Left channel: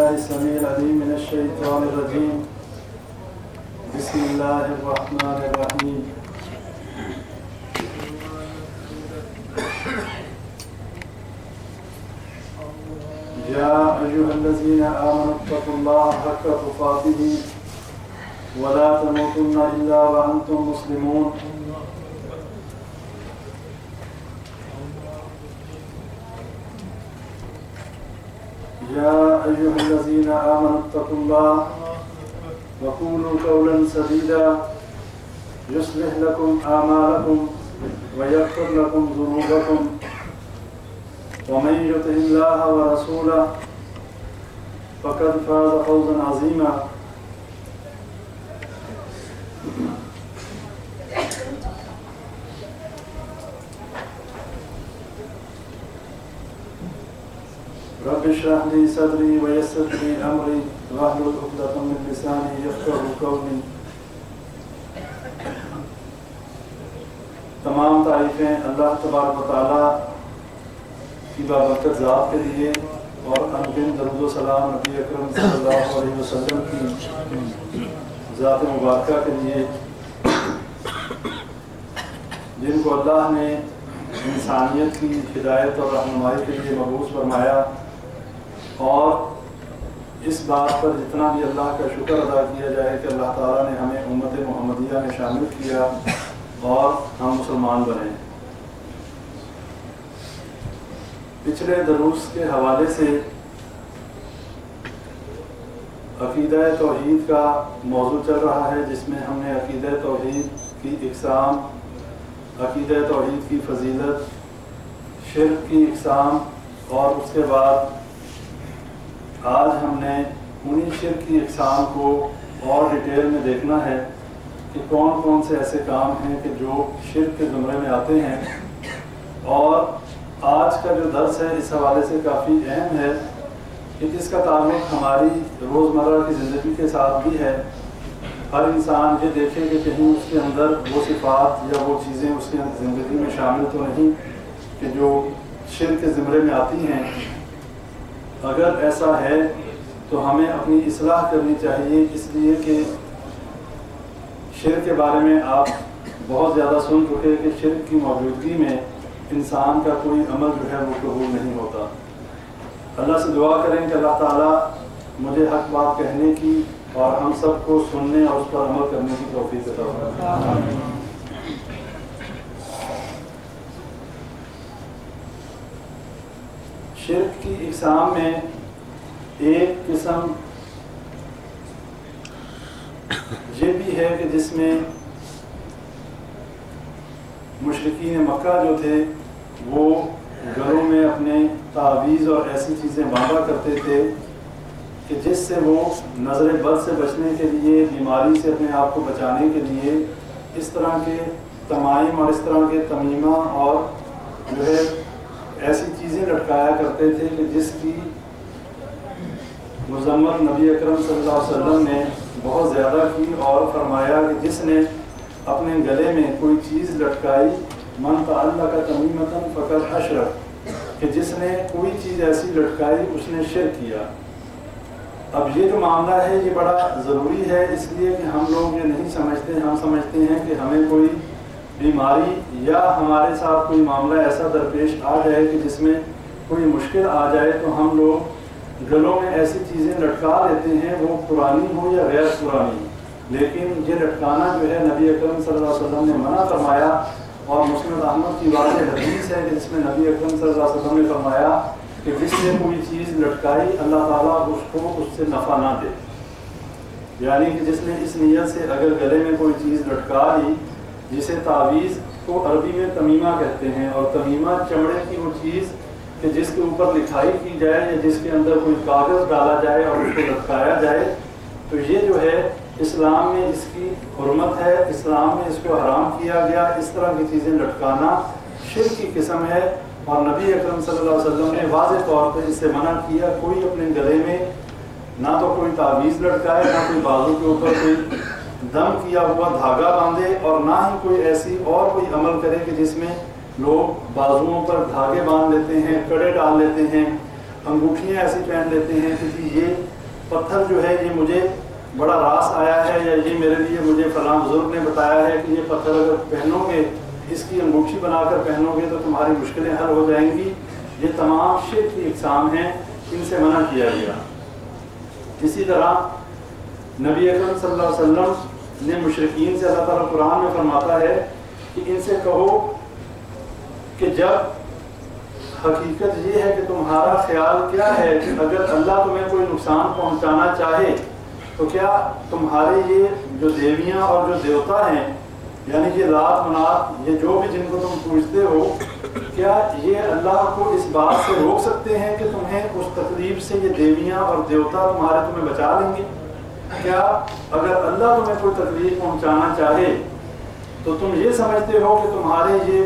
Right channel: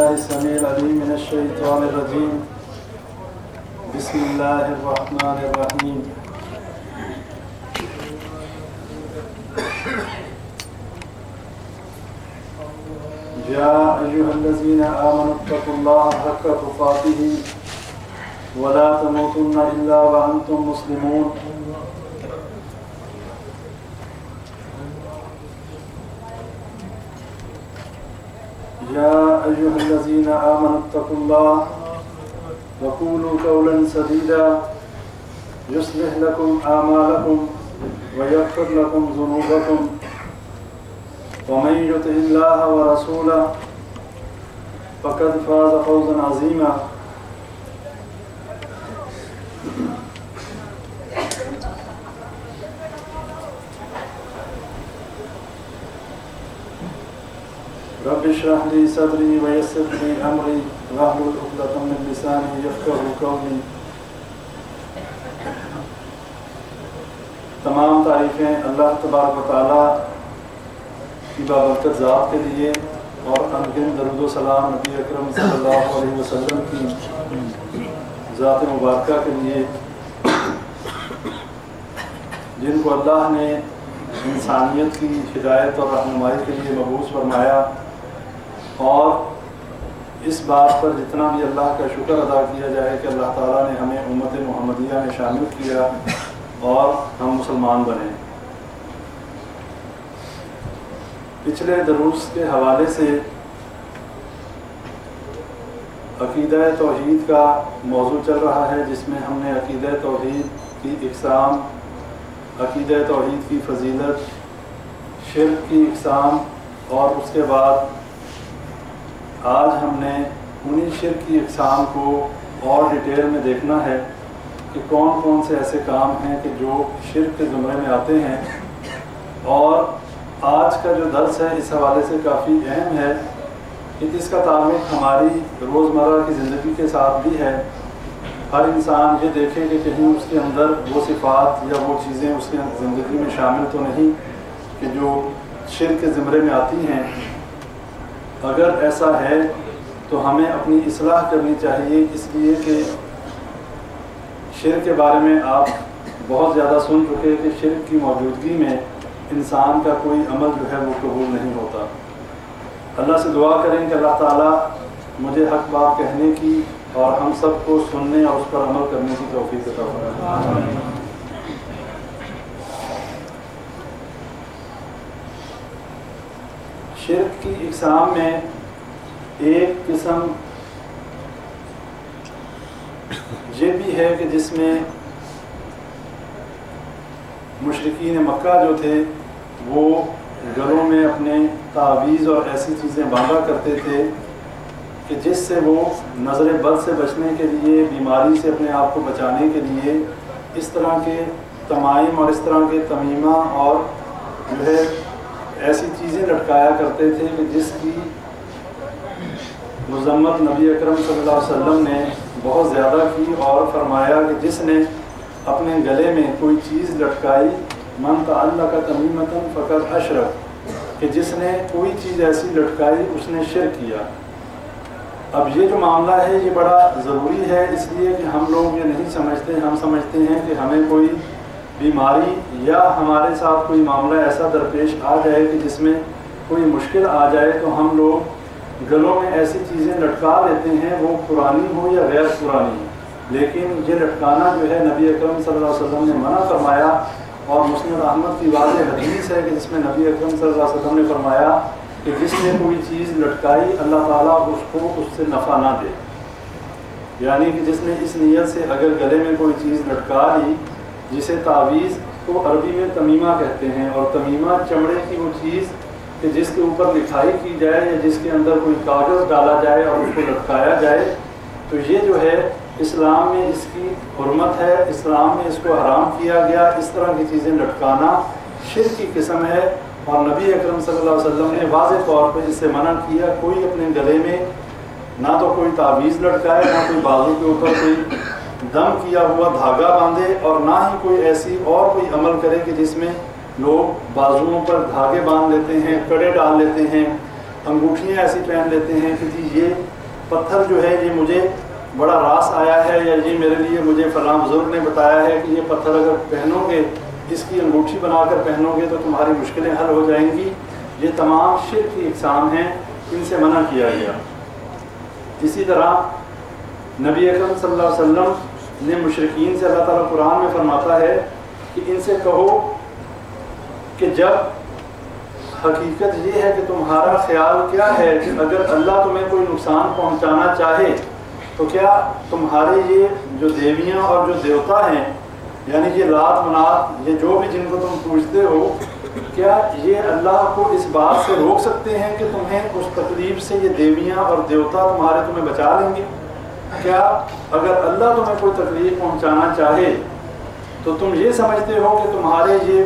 بالله السميع العليم من الشيطان الرجيم. بسم الله الرحمن الرحيم. يا أيها الذين آمنوا اتقوا الله حق تقاته ولا تموتن إلا وأنتم مسلمون. يا أيها الذين آمنوا اتقوا الله وقولوا قولا سديدا يصلح لكم أعمالكم ويغفر لكم ذنوبكم ومن يطع الله ورسوله فقد فاز فوزا عظيما. رب اشرح لي صدري ويسر لي امري واحلل عقدة من لساني يفقهوا قولي. تمام تعریفیں اللہ تبارک و تعالیٰ کی بابرکت ذات کے لیے اور انگن درود و سلام نبی اکرم صلی اللہ علیہ وسلم کی ذات مبارکہ کے لیے جن کو اللہ نے انسانیت کی ہدایت اور رہنمائی کے لیے مبعوث فرمایا، اور اس بات پر جتنا بھی اللہ کا شکر ادا کیا جائے کہ اللہ تعالیٰ نے ہمیں امت محمدیہ میں شامل کیا اور ہم مسلمان بنے۔ پچھلے دروس کے حوالے سے عقیدہ توحید کا موضوع چل رہا ہے، جس میں ہم نے عقیدہ توحید کی اقسام، عقیدہ توحید کی فضیلت، شرک کی اقسام، اور اس کے بعد آج ہم نے انہی شرک کی اقسام کو اور ڈیٹیل میں دیکھنا ہے کہ کون کون سے ایسے کام ہیں کہ جو شرک کے زمرے میں آتے ہیں۔ اور آج کا جو درس ہے اس حوالے سے کافی اہم ہے کہ اس کا تعلق ہماری روزمرہ کی زندگی کے ساتھ بھی ہے۔ ہر انسان یہ دیکھے کہ کہیں اس کے اندر وہ صفات یا وہ چیزیں اس کی زندگی میں شامل تو نہیں کہ جو شرک کے زمرے میں آتی ہیں۔ اگر ایسا ہے تو ہمیں اپنی اصلاح کرنی چاہیے، اس لیے کہ شرک کے بارے میں آپ بہت زیادہ سن چکے کہ شرک کی موجودگی میں انسان کا کوئی عمل جو ہے وہ قبول نہیں ہوتا۔ اللہ سے دعا کریں کہ اللہ تعالیٰ مجھے حق بات کہنے کی اور ہم سب کو سننے اور اس پر عمل کرنے کی توفیق عطا فرمائے۔ شرک کی اقسام میں ایک قسم یہ بھی ہے کہ جس میں مشرکین مکہ جو تھے وہ گلوں میں اپنے تعویذ اور ایسی چیزیں باندھا کرتے تھے کہ جس سے وہ نظر بد سے بچنے کے لیے، بیماری سے اپنے آپ کو بچانے کے لیے اس طرح کے تمائم اور اس طرح کے تمیمہ اور جو ہے ایسی چیزیں لٹکایا کرتے تھے کہ جس کی مذمت نبی اکرم صلی اللہ علیہ وسلم نے بہت زیادہ کی، اور فرمایا کہ جس نے اپنے گلے میں کوئی چیز لٹکائی، من تعلق تمیمۃ فقد اشرک، کہ جس نے کوئی چیز ایسی لٹکائی اس نے شرک کیا۔ اب یہ جو معاملہ ہے یہ بڑا ضروری ہے، اس لیے کہ ہم لوگ یہ نہیں سمجھتے، ہم سمجھتے ہیں کہ ہمیں کوئی بیماری یا ہمارے ساتھ کوئی معاملہ ایسا درپیش آ جائے کہ جس میں کوئی مشکل آ جائے تو ہم لوگ گلوں میں ایسی چیزیں لٹکا لیتے ہیں، وہ پرانی ہو یا غیر پرانی، لیکن یہ لٹکانا جو ہے نبی اکرم صلی اللہ علیہ وسلم نے منع فرمایا، اور مسند احمد کی واضح حدیث ہے کہ جس میں نبی اکرم صلی اللہ علیہ وسلم نے فرمایا کہ جس نے کوئی چیز لٹکائی اللہ تعالیٰ اس کو اس سے نفع نہ دے، یعنی کہ جس نے اس نیت سے اگر گلے میں کوئی چیز لٹکا لی، جسے تعویذ کو عربی میں تمیمہ کہتے ہیں، اور تمیمہ چمڑے کی وہ چیز کہ جس کے اوپر لکھائی کی جائے یا جس کے اندر کوئی کاغذ ڈالا جائے اور اس کو لٹکایا جائے، تو یہ جو ہے اسلام میں اس کی حرمت ہے، اسلام میں اس کو حرام کیا گیا۔ اس طرح کی چیزیں لٹکانا شرک کی قسم ہے، اور نبی اکرم صلی اللہ علیہ وسلم نے واضح طور پر اس سے منع کیا۔ کوئی اپنے گلے میں نہ تو کوئی تعویذ لٹکائے، نہ کوئی بازو کے اوپر کوئی دم کیا ہوا دھاگا باندھے، اور نہ ہی کوئی ایسی اور کوئی عمل کرے کہ جس میں لوگ بازوؤں پر دھاگے باندھ لیتے ہیں، کڑے ڈال لیتے ہیں، انگوٹھیاں ایسی پہن لیتے ہیں کہ جی یہ پتھر جو ہے یہ مجھے بڑا راس آیا ہے، یا یہ میرے لیے مجھے فلاں بزرگ نے بتایا ہے کہ یہ پتھر اگر پہنو گے، اس کی انگوٹھی بنا کر پہنو گے تو تمہاری مشکلیں حل ہو جائیں گی. یہ تمام شرک کی اقسام ہیں، ان سے منع کیا گیا. اسی طرح نبی اکرم صلی اللہ علیہ وسلم نے مشرکین سے اللہ تعالیٰ قرآن میں فرماتا ہے کہ ان سے کہو کہ جب حقیقت یہ ہے کہ تمہارا خیال کیا ہے کہ اگر اللہ تمہیں کوئی نقصان پہنچانا چاہے تو کیا تمہارے یہ جو دیویاں اور جو دیوتا ہیں، یعنی یہ لات منات، یہ جو بھی جن کو تم پوجتے ہو، کیا یہ اللہ کو اس بات سے روک سکتے ہیں کہ تمہیں اس تکلیف سے یہ دیویاں اور دیوتا تمہیں بچا لیں گے؟ کیا اگر اللہ تمہیں کوئی تکلیف پہنچانا چاہے تو تم یہ سمجھتے ہو کہ تمہارے یہ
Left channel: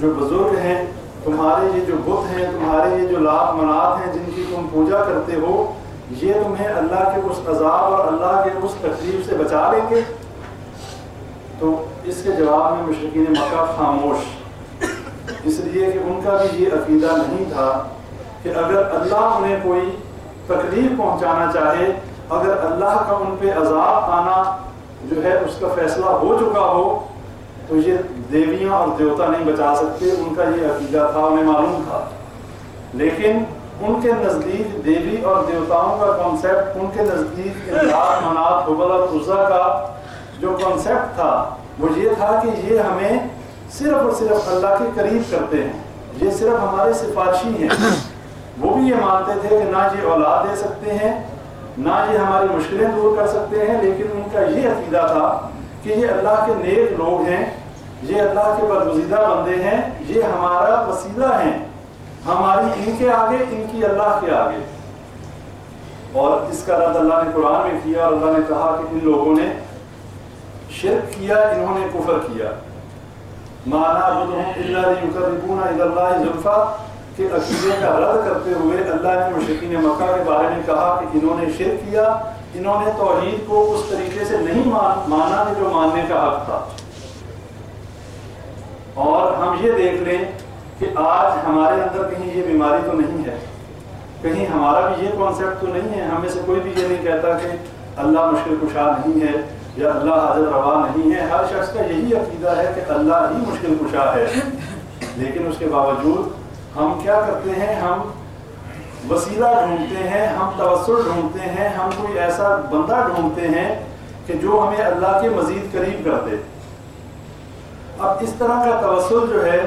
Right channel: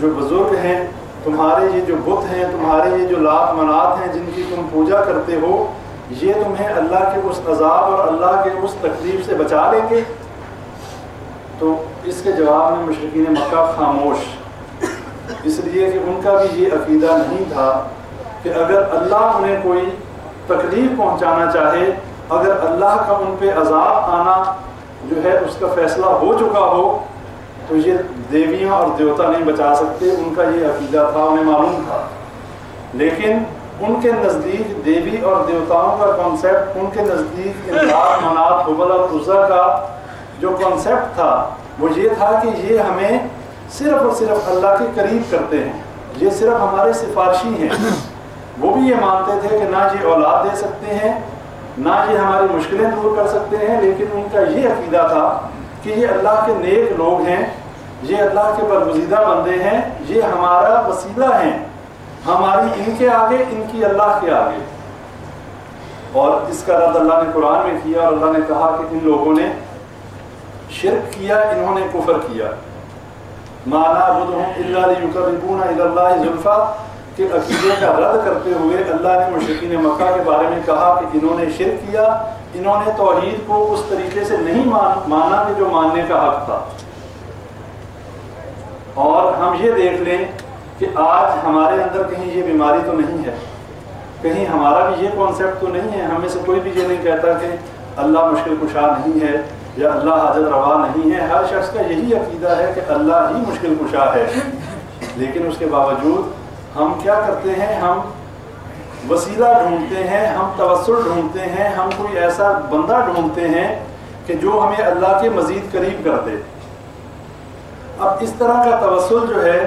جو بزرگ ہیں، تمہارے یہ جو بت ہیں، تمہارے یہ جو لات منات ہیں جن کی تم پوجا کرتے ہو، یہ تمہیں اللہ کے اس عذاب اور اللہ کے اس تکلیف سے بچا لیں گے؟ تو اس کے جواب میں مشرکین مکہ خاموش، اس لیے کہ ان کا بھی یہ عقیدہ نہیں تھا کہ اگر اللہ انہیں کوئی تکلیف پہنچانا چاہے، اگر اللہ کا ان پہ عذاب آنا جو ہے اس کا فیصلہ ہو چکا ہو، تو یہ دیویاں اور دیوتا نہیں بچا سکتے. ان کا یہ عقیدہ تھا، انہیں معلوم تھا. لیکن ان کے نزدیک دیوی اور دیوتاؤں کا کانسیپٹ، ان کے نزدیک لات منات حبل اور عزیٰ کا جو کانسیپٹ تھا وہ یہ تھا کہ یہ ہمیں صرف اور صرف اللہ کے قریب کرتے ہیں، یہ صرف ہمارے سفارشی ہیں. وہ بھی یہ مانتے تھے کہ نہ یہ اولاد دے سکتے ہیں، نہ یہ ہماری مشکلیں دور کر سکتے ہیں، لیکن ان کا یہ عقیدہ تھا کہ یہ اللہ کے نیک لوگ ہیں، یہ اللہ کے برگزیدہ بندے ہیں، یہ ہمارا وسیلہ ہیں، ہماری ان کے آگے، ان کی اللہ کے آگے. اور اس کا رد اللہ نے قرآن میں کیا، اور اللہ نے کہا کہ ان لوگوں نے شرک کیا، انہوں نے کفر کیا. مَا نَعْبُدُهُمْ إِلَّا لِيُقَرِّبُونَ إِلَى اللَّهِ زُلْفَىٰ کہ عقیدے کا رد کرتے ہوئے اللہ نے مشرکین مکہ کے بارے میں کہا کہ انہوں نے شرک کیا، انہوں نے توحید کو اس طریقے سے نہیں مانا کہ جو ماننے کا حق تھا. اور ہم یہ دیکھ لیں کہ آج ہمارے اندر کہیں یہ بیماری تو نہیں ہے، کہیں ہمارا بھی یہ کانسیپٹ تو نہیں ہے، ہمیں سے کوئی بھی یہ نہیں کہتا کہ اللہ مشکل کشا نہیں ہے یا اللہ حاجت روا نہیں ہے. ہر شخص کا یہی عقیدہ ہے کہ اللہ ہی مشکل کشا ہے. لیکن اس کے باوجود ہم کیا کرتے ہیں؟ ہم وسیلہ ڈھونڈتے ہیں، ہم توسل ڈھونڈتے ہیں، ہم کوئی ایسا بندہ ڈھونڈتے ہیں کہ جو ہمیں اللہ کے مزید قریب کر دے. اب اس طرح کا توسل جو ہے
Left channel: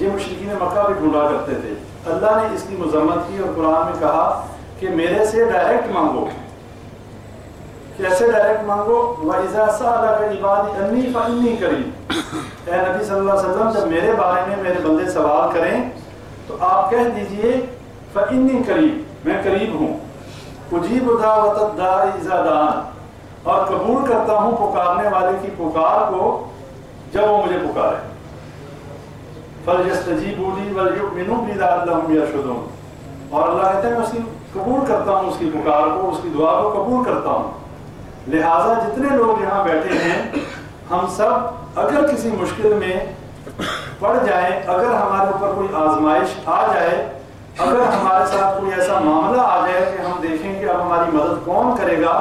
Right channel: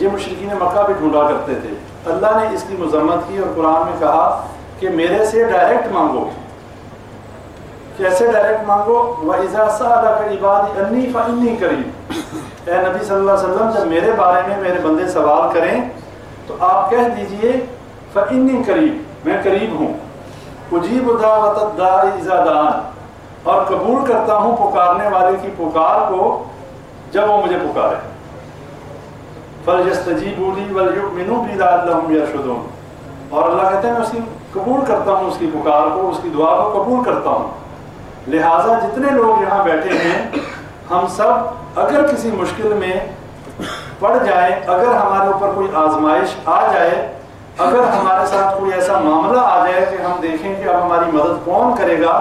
یہ مشرکین مکہ بھی ڈھونڈا کرتے تھے. اللہ نے اس کی مذمت کی اور قرآن میں کہا کہ میرے سے ڈائریکٹ مانگو. کیسے ڈائریکٹ مانگو؟ وَإِذَا سَأَلَكَ عِبَادِي أَنِّي فَإِنِّي قَرِيبٌ. اے نبی صلی اللہ علیہ وسلم جب میرے بارے میں میرے بندے سوال کریں تو آپ کہہ دیجئے فَإِنِّي قَرِيب، میں قریب ہوں. أُجِيبُ دَعْوَةَ الدَّاعِ إِذَا دَعَانِ، اور قبول کرتا ہوں پکارنے والے کی پکار کو جب وہ مجھے پکارے. فَلْيَسْتَجِيبُوا لِي وَلْيُؤْمِنُوا بِي لَعَلَّهُمْ يَرْشُدُونَ. اور اللہ کہتے ہیں میں اس کی قبول کرتا ہوں، اس کی پکار کو، اس کی دعا کو قبول کرتا ہوں. لہٰذا جتنے لوگ یہاں بیٹھے ہیں ہم سب اگر کسی مشکل میں پڑ جائیں، اگر ہمارے اوپر کوئی آزمائش آ جائے، اگر ہمارے ساتھ کوئی ایسا معاملہ آ جائے کہ ہم دیکھیں کہ اب ہماری مدد کون کرے گا،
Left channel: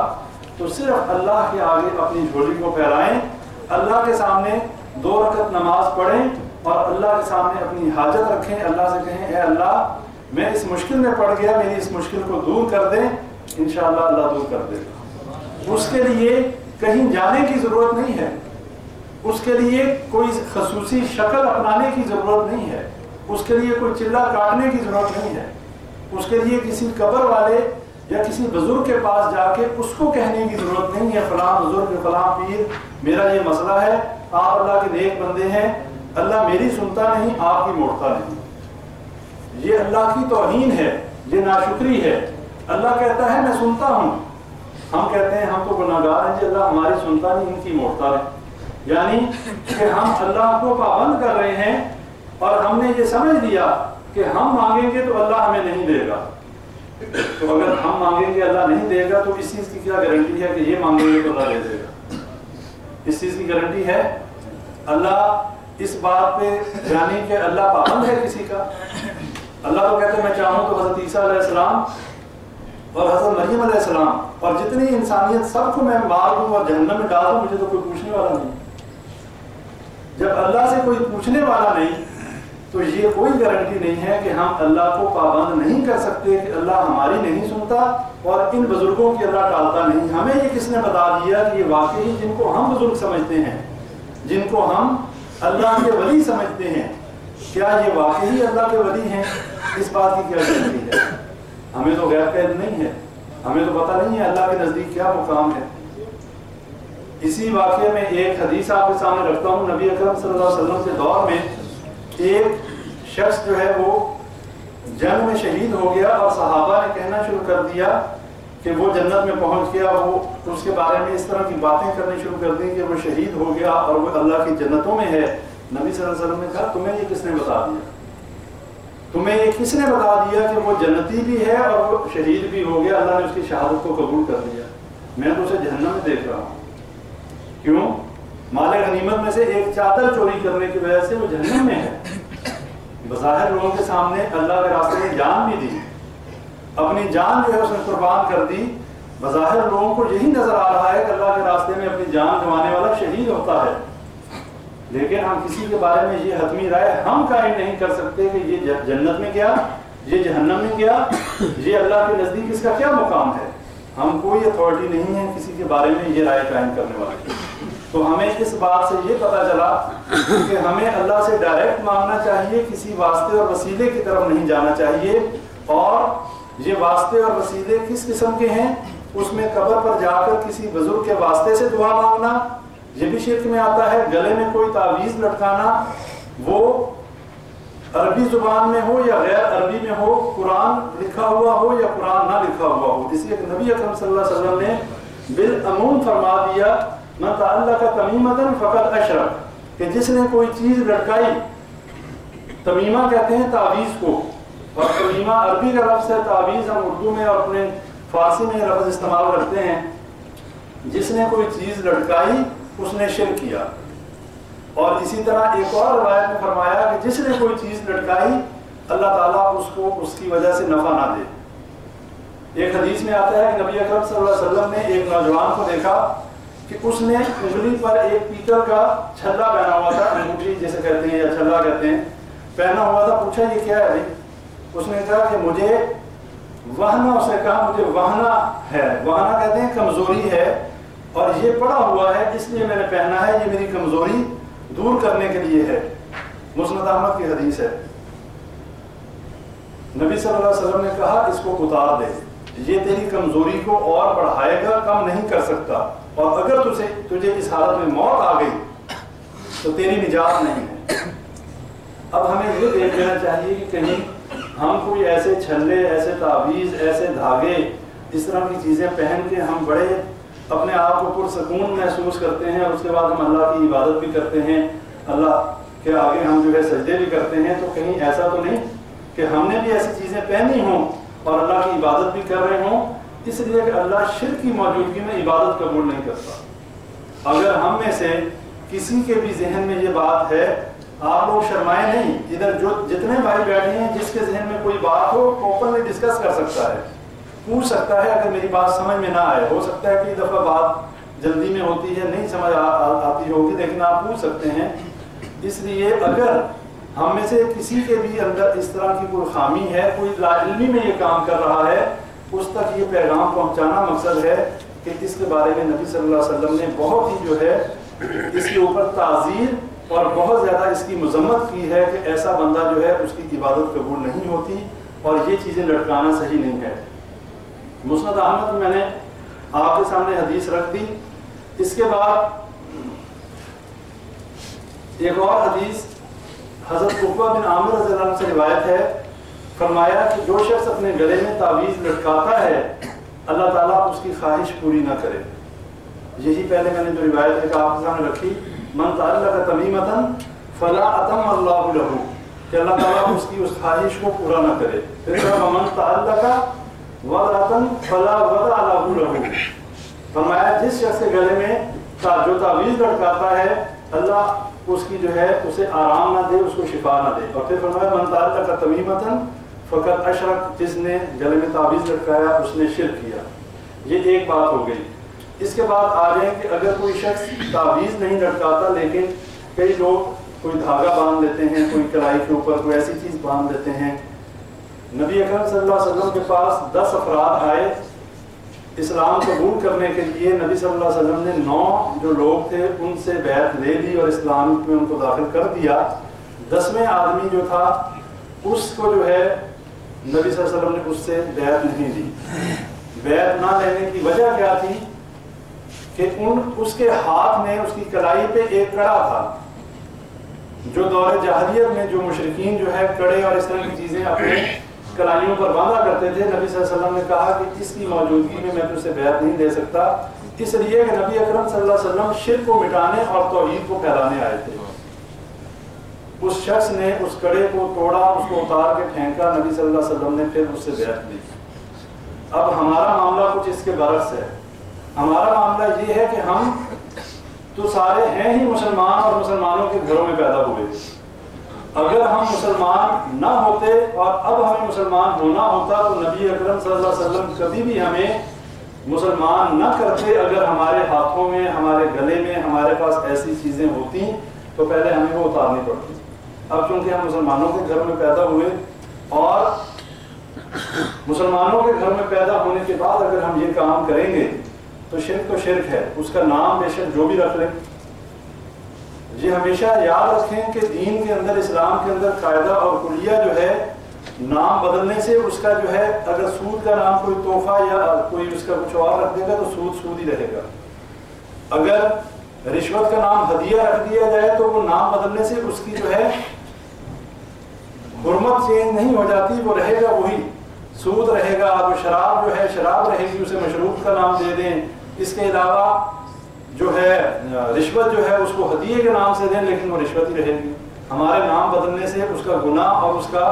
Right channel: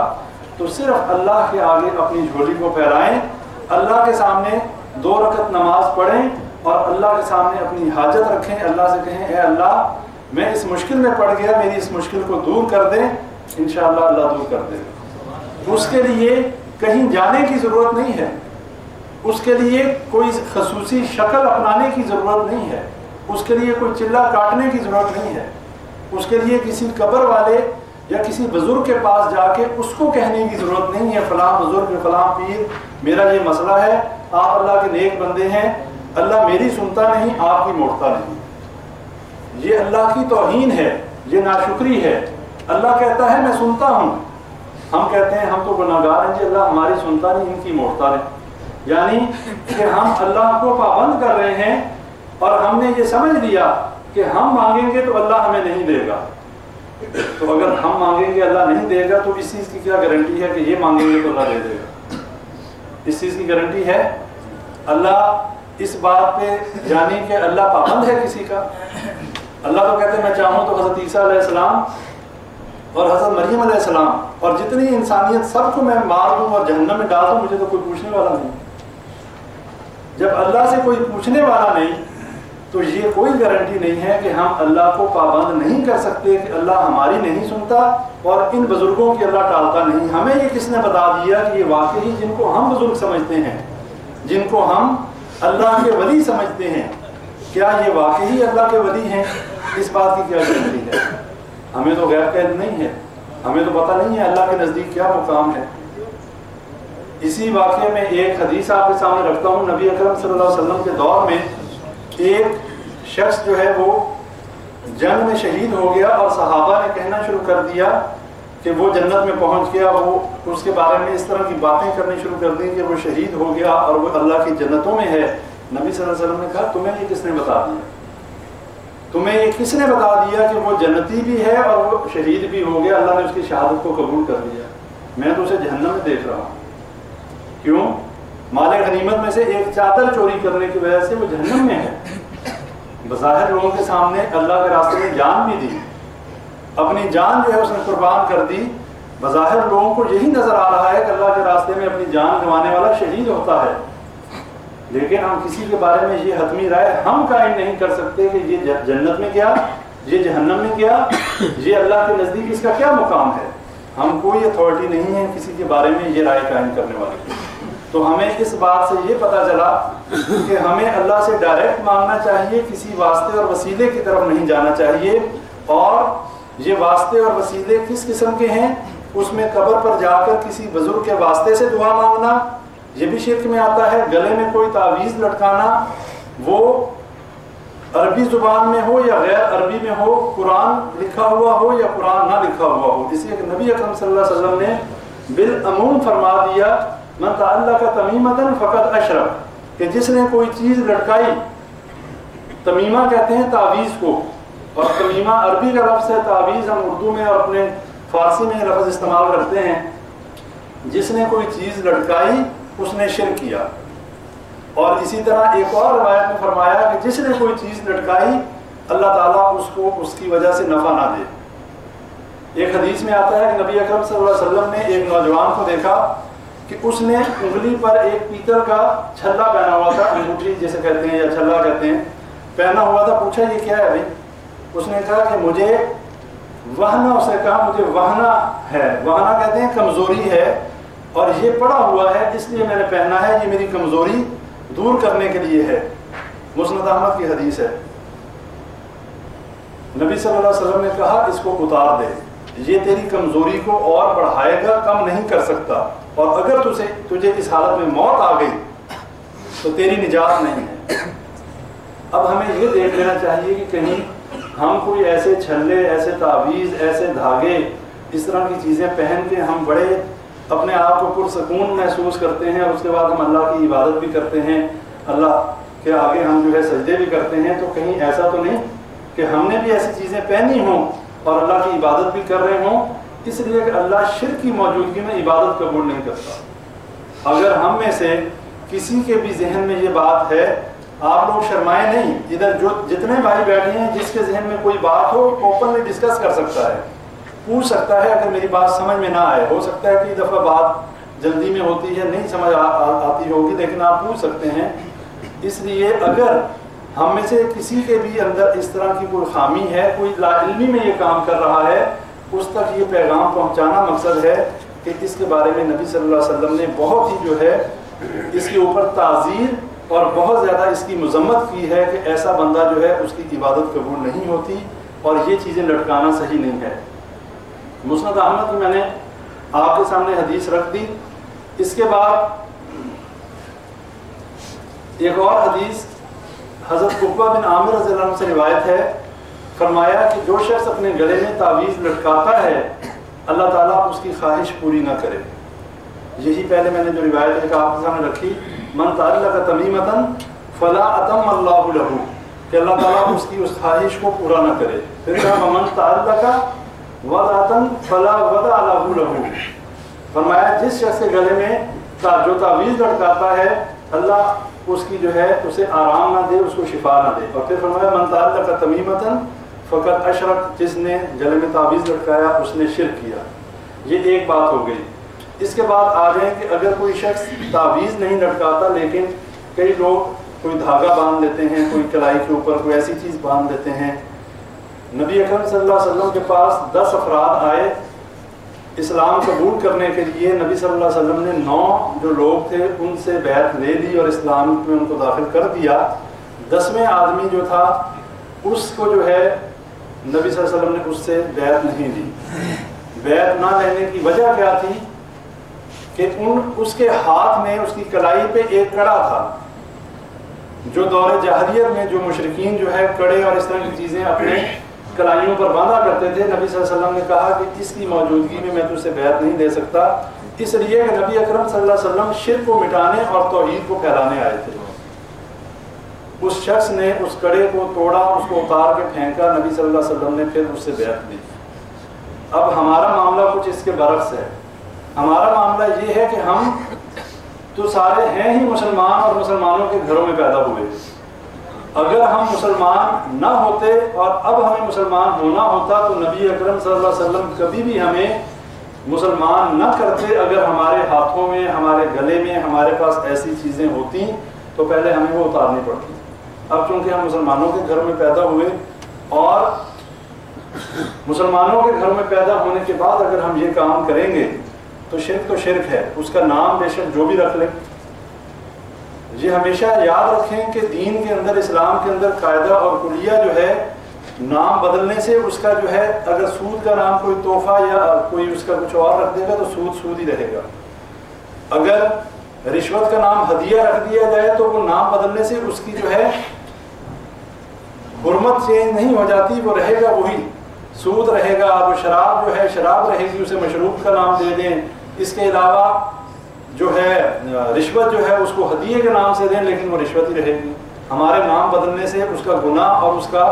تو صرف اللہ کے آگے اپنی جھولی کو پھیلائیں، اللہ کے سامنے 2 رکعت نماز پڑھیں اور اللہ کے سامنے اپنی حاجت رکھیں. اللہ سے کہیں اے اللہ میں اس مشکل میں پڑ گیا، میری اس مشکل کو دور کر دیں. انشاءاللہ اللہ دور کر دے گا. اس کے لیے کہیں جانے کی ضرورت نہیں ہے، اس کے لیے کوئی خصوصی شکل اپنانے کی ضرورت نہیں ہے، اس کے لیے کوئی چلہ کاٹنے کی ضرورت نہیں ہے، اس کے لیے کسی قبر والے یا کسی بزرگ کے پاس جا کے اس کو کہنے کی ضرورت نہیں ہے فلاں بزرگ فلاں پیر میرا یہ مسئلہ ہے، آپ اللہ کے نیک بندے ہیں، اللہ میری سنتا نہیں، آپ کی موڑتا نہیں. یہ اللہ کی توہین ہے، یہ ناشکری ہے. اللہ کہتا ہے میں سنتا ہوں، ہم کہتے ہیں ہم تو گناہگار ہیں جی، اللہ ہماری سنتا نہیں، ان کی موڑتا ہے. یعنی کہ ہم اللہ کو پابند کر رہے ہیں اور ہم نے یہ سمجھ لیا کہ ہم مانگیں گے تو اللہ ہمیں نہیں دے گا. تو اگر ہم مانگیں گے اللہ نہیں دے گا تو اس چیز کی کیا گارنٹی ہے کہ یہ مانگیں گے تو اللہ دے دے گا؟ اس چیز کی گارنٹی ہے؟ اللہ اس بات پہ جانی کہ اللہ پابند ہے کسی کا؟ اللہ تو کہتے ہیں میں چاہوں تو حضرت عیسیٰ علیہ السلام اور حضرت مریم علیہ السلام اور جتنی انسانیت سب کو میں مار دوں اور جہنم میں ڈال دوں، مجھے تو کوئی پوچھنے والا نہیں۔ جب اللہ سے کوئی پوچھنے والا نہیں تو یہ کوئی گارنٹی نہیں ہے کہ ہم اللہ کو پابند نہیں کر سکتے کہ اللہ ہماری نہیں سنتا اور ان بزرگوں کی اللہ ٹالتا نہیں۔ ہمیں یہ کس نے بتا دیا کہ یہ واقعی جن کو ہم بزرگ سمجھتے ہیں، جن کو ہم اللہ کے ولی سمجھتے ہیں، کیا یہ واقعی اللہ کے ولی ہیں؟ اس بات کی کیا گارنٹی ہے؟ ہمیں تو غیب کا علم نہیں ہے، ہمیں تو پتہ نہیں ہے اللہ کے نزدیک کیا مقام ہے۔ اسی واقعے میں ایک حدیث آپ کے سامنے رکھتا ہوں۔ نبی اکرم صلی اللہ علیہ وسلم کے دور میں ایک شخص جو ہے وہ جنگ میں شہید ہو گیا اور صحابہ نے کہنا شروع کر دیا کہ وہ جنت میں پہنچ گیا، وہ اس کے بارے میں اس طرح کی باتیں کرنی شروع کر دی کہ وہ شہید ہو گیا اور وہ اللہ کی جنتوں میں ہے۔ نبی صلی اللہ علیہ وسلم نے کہا تمہیں یہ کس نے بتا دیا؟ تمہیں یہ کس نے بتا دیا کہ وہ جنتی بھی ہے اور وہ شہید بھی ہو گیا؟ اللہ نے اس کی شہادت کو قبول کر لیا، میں تو اسے جہنم میں دیکھ رہا ہوں۔ کیوں؟ مال غنیمت میں سے ایک چادر چوری کرنے کی وجہ سے وہ جہنم میں ہے۔ بظاہر لوگوں کے سامنے اللہ کے راستے میں جان بھی دی، اپنی جان جو ہے اس نے قربان کر دی۔ بظاہر لوگوں کو یہی نظر آ رہا ہے کہ اللہ کے راستے میں اپنی جان گنوانے والا شہید ہوتا ہے، لیکن ہم کسی کے بارے میں یہ حتمی رائے ہم قائم نہیں کر سکتے کہ یہ جنت میں گیا، یہ جہنم میں گیا، یہ اللہ کے نزدیک اس کا کیا مقام ہے۔ ہم کوئی اتھارٹی نہیں ہے کسی کے بارے میں یہ رائے قائم کرنے والے۔ تو ہمیں اس بات سے یہ پتہ چلا کہ ہمیں اللہ سے ڈائریکٹ مانگنا چاہیے، کسی واسطے اور وسیلے کی طرف نہیں جانا چاہیے۔ اور یہ واسطے اور وسیلے کس قسم کے ہیں؟ اس میں قبر پر جا کر کسی بزرگ کے واسطے سے دعا مانگنا یہ بھی شرک میں آتا ہے۔ گلے میں کوئی تعویذ لٹکانا، وہ عربی زبان میں ہو یا غیر عربی میں ہو، قرآن لکھا ہوا ہو یا قرآن نہ لکھا ہوا ہو، اس لیے کہ نبی اکرم صلی اللہ علیہ وسلم نے بالعموم فرما دیا من تعلق تمیمۃ فقد اشرک، کہ جس نے کوئی چیز لٹکائی، تمیمہ کہتے ہیں تعویذ کو، اور تمیمہ عربی کا لفظ ہے، تعویذ ہم اردو میں اور اپنے فارسی میں لفظ استعمال کرتے ہیں۔ جس نے کوئی چیز لٹکائی اس نے شرک کیا۔ اور اسی طرح ایک اور روایت میں فرمایا کہ جس نے کوئی چیز لٹکائی اللہ تعالیٰ اس کو اس کی وجہ سے نفع نہ دے۔ ایک حدیث میں آتا ہے کہ نبی اکرم صلی اللہ علیہ وسلم نے ایک نوجوان کو دیکھا کہ اس نے انگلی پر ایک پیتل کا چھلا پہنا ہوا تھا، انگوٹھی جسے کہتے ہیں یا چھلا کہتے ہیں، پہنا ہوا تھا۔ پوچھا یہ کیا ہے بھائی؟ اس نے کہا کہ مجھے وہنا، اس نے کہا مجھے وہنا ہے، وہنا کہتے ہیں کمزوری ہے، اور یہ پڑا ہوا ہے اس لیے میں نے پہنا ہے، یہ میری کمزوری دور کرنے کے لیے ہے۔ مسند احمد کی حدیث ہے۔ نبی صلی اللہ علیہ وسلم نے کہا اس کو اتار دے، یہ تیری کمزوری کو اور بڑھائے گا، کم نہیں کر سکتا، اور اگر تجھے اس حالت میں موت آ گئی تو تیری نجات نہیں ہے۔ اب ہمیں یہ دیکھ لینا چاہیے کہ کہیں ہم کوئی ایسے چھلے، ایسے تعویذ، ایسے دھاگے، اس طرح کی چیزیں پہن کے ہم بڑے اپنے آپ کو پرسکون محسوس کرتے ہیں، اور اس کے بعد ہم اللہ کی عبادت بھی کرتے ہیں، اللہ کے آگے ہم جو ہے سجدے بھی کرتے ہیں، تو کہیں ایسا تو نہیں کہ ہم نے بھی ایسی چیزیں پہنی ہوں اور اللہ کی عبادت بھی کر رہے ہوں، اس لیے کہ اللہ شرک کی موجودگی میں عبادت قبول نہیں کرتا۔ اگر ہم میں سے کسی کے بھی ذہن میں یہ بات ہے، آپ لوگ شرمائے نہیں، ادھر جو جتنے بھائی بیٹھے ہیں جس کے ذہن میں کوئی بات ہو اوپنلی ڈسکس کر سکتا ہے، پوچھ سکتا ہے۔ اگر میری بات سمجھ میں نہ آئے، ہو سکتا ہے کہ دفعہ بات جلدی میں ہوتی ہے، نہیں سمجھ آتی ہوگی، لیکن آپ پوچھ سکتے ہیں۔ اس لیے اگر ہم میں سے کسی کے بھی اندر اس طرح کی کوئی خامی ہے، کوئی لا علمی میں یہ کام کر رہا ہے، اس تک یہ پیغام پہنچانا مقصد ہے کہ اس کے بارے میں نبی صلی اللہ علیہ وسلم نے بہت ہی جو ہے اس کے اوپر تعزیر اور بہت زیادہ اس کی مذمت کی ہے کہ ایسا بندہ جو ہے اس کی عبادت قبول نہیں ہوتی، اور یہ چیزیں لٹکانا صحیح نہیں ہے۔ مسند احمد میں نے آپ کے سامنے حدیث رکھ دی۔ اس کے بعد ایک اور حدیث حضرت عقبہ بن عامر رضی اللہ عنہ سے روایت ہے، فرمایا کہ جو شخص اپنے گلے میں تعویذ لٹکاتا ہے اللہ تعالیٰ اس کی خواہش پوری نہ کرے۔ یہی پہلے میں نے جو روایت ہے کہ آپ کے سامنے رکھی، من تعلق تمیمۃ فلا اتم اللہ لہ، کہ اللہ تعالیٰ اس کی اس خواہش کو پورا نہ کرے۔ پھر کہا من تعلق وضعۃ فلا وضع لہ لہ، فرمایا جس شخص کے گلے میں جو تعویذ لٹکاتا ہے اللہ اس کی جو ہے اسے آرام نہ دے، اس کو شفا نہ دے۔ اور پھر فرمایا من تعلق تمیمۃ فقط اشرک، جس نے گلے میں تعویذ لٹکایا اس نے شرک کیا۔ یہ ایک بات ہو گئی۔ اس کے بعد آ جائیں کہ اگر کوئی شخص تعویذ نہیں لٹکاتا لیکن کئی لوگ کوئی دھاگا باندھ لیتے ہیں، کوئی کلائی کے اوپر کوئی ایسی چیز باندھ دیتے ہیں۔ نبی اکرم صلی اللہ علیہ وسلم کے پاس 10 افراد آئے اسلام قبول کرنے کے لیے، نبی صلی اللہ علیہ وسلم نے 9 جو لوگ تھے ان سے بیعت لے لی اور اسلام میں ان کو داخل کر دیا۔ 10ویں آدمی جو تھا اس کو جو ہے نبی صلی اللہ علیہ وسلم نے اس سے بیعت نہیں لی۔ بیعت نہ لینے کی وجہ کیا تھی کہ اس کے ہاتھ میں اس کی کلائی پہ ایک کڑا تھا، جو دور جاہلیت میں جو مشرکین جو ہے کڑے اور اس طرح کی چیزیں اپنے کلائیوں پر باندھا کرتے تھے۔ نبی صلی اللہ علیہ وسلم نے کہا کہ اس کی موجودگی میں تجھ سے بیعت نہیں دے سکتا، اس لیے کہ نبی اکرم صلی اللہ علیہ وسلم شرک کو مٹانے اور توحید کو پھیلانے آئے تھے۔ اس شخص نے اس کڑے کو توڑا، اس کو اتار کے پھینکا، نبی صلی اللہ علیہ وسلم نے پھر اس سے بیعت لی۔ اب ہمارا معاملہ کچھ اس کے برعکس ہے۔ ہمارا معاملہ یہ ہے کہ ہم تو سارے ہیں ہی مسلمان اور مسلمانوں کے گھروں میں پیدا ہوئے۔ اگر ہم مسلمان نہ ہوتے اور اب ہمیں مسلمان ہونا ہوتا تو نبی اکرم صلی اللہ علیہ وسلم کبھی بھی ہمیں مسلمان نہ کرتے۔ اگر ہمارے ہاتھوں میں، ہمارے گلے میں، ہمارے پاس ایسی چیزیں ہوتی تو پہلے ہمیں وہ اتارنی پڑتی۔ اب چونکہ ہم مسلمانوں کے گھر میں پیدا ہوئے اور مسلمانوں کے گھر میں پیدا ہونے کے بعد اگر ہم یہ کام کریں گے تو شرک ہے، اس کا نام بے شک جو بھی رکھ لیں۔ یہ ہمیشہ یاد رکھیں کہ دین کے اندر، اسلام کے اندر قاعدہ اور کلیہ جو ہے، نام بدلنے سے اس کا جو ہے، اگر سود کا نام کوئی تحفہ یا کوئی اس کا کچھ اور رکھ دے گا تو سود ہی رہے گا۔ اگر رشوت کا نام ہدیہ رکھ دیا جائے تو وہ نام بدلنے سے اس کی جو ہے حرمت چینج نہیں ہو جاتی، وہ رہے گا وہی، سود رہے گا۔ وہ شراب جو ہے شراب رہے گی، اسے مشروب کا نام دے دیں۔ اس کے علاوہ جو ہے رشوت جو ہے اس کو ہدیے کے نام سے دیں لیکن وہ رشوت ہی رہے گی۔ ہمارے نام بدلنے سے اس کا گناہ اور اس کا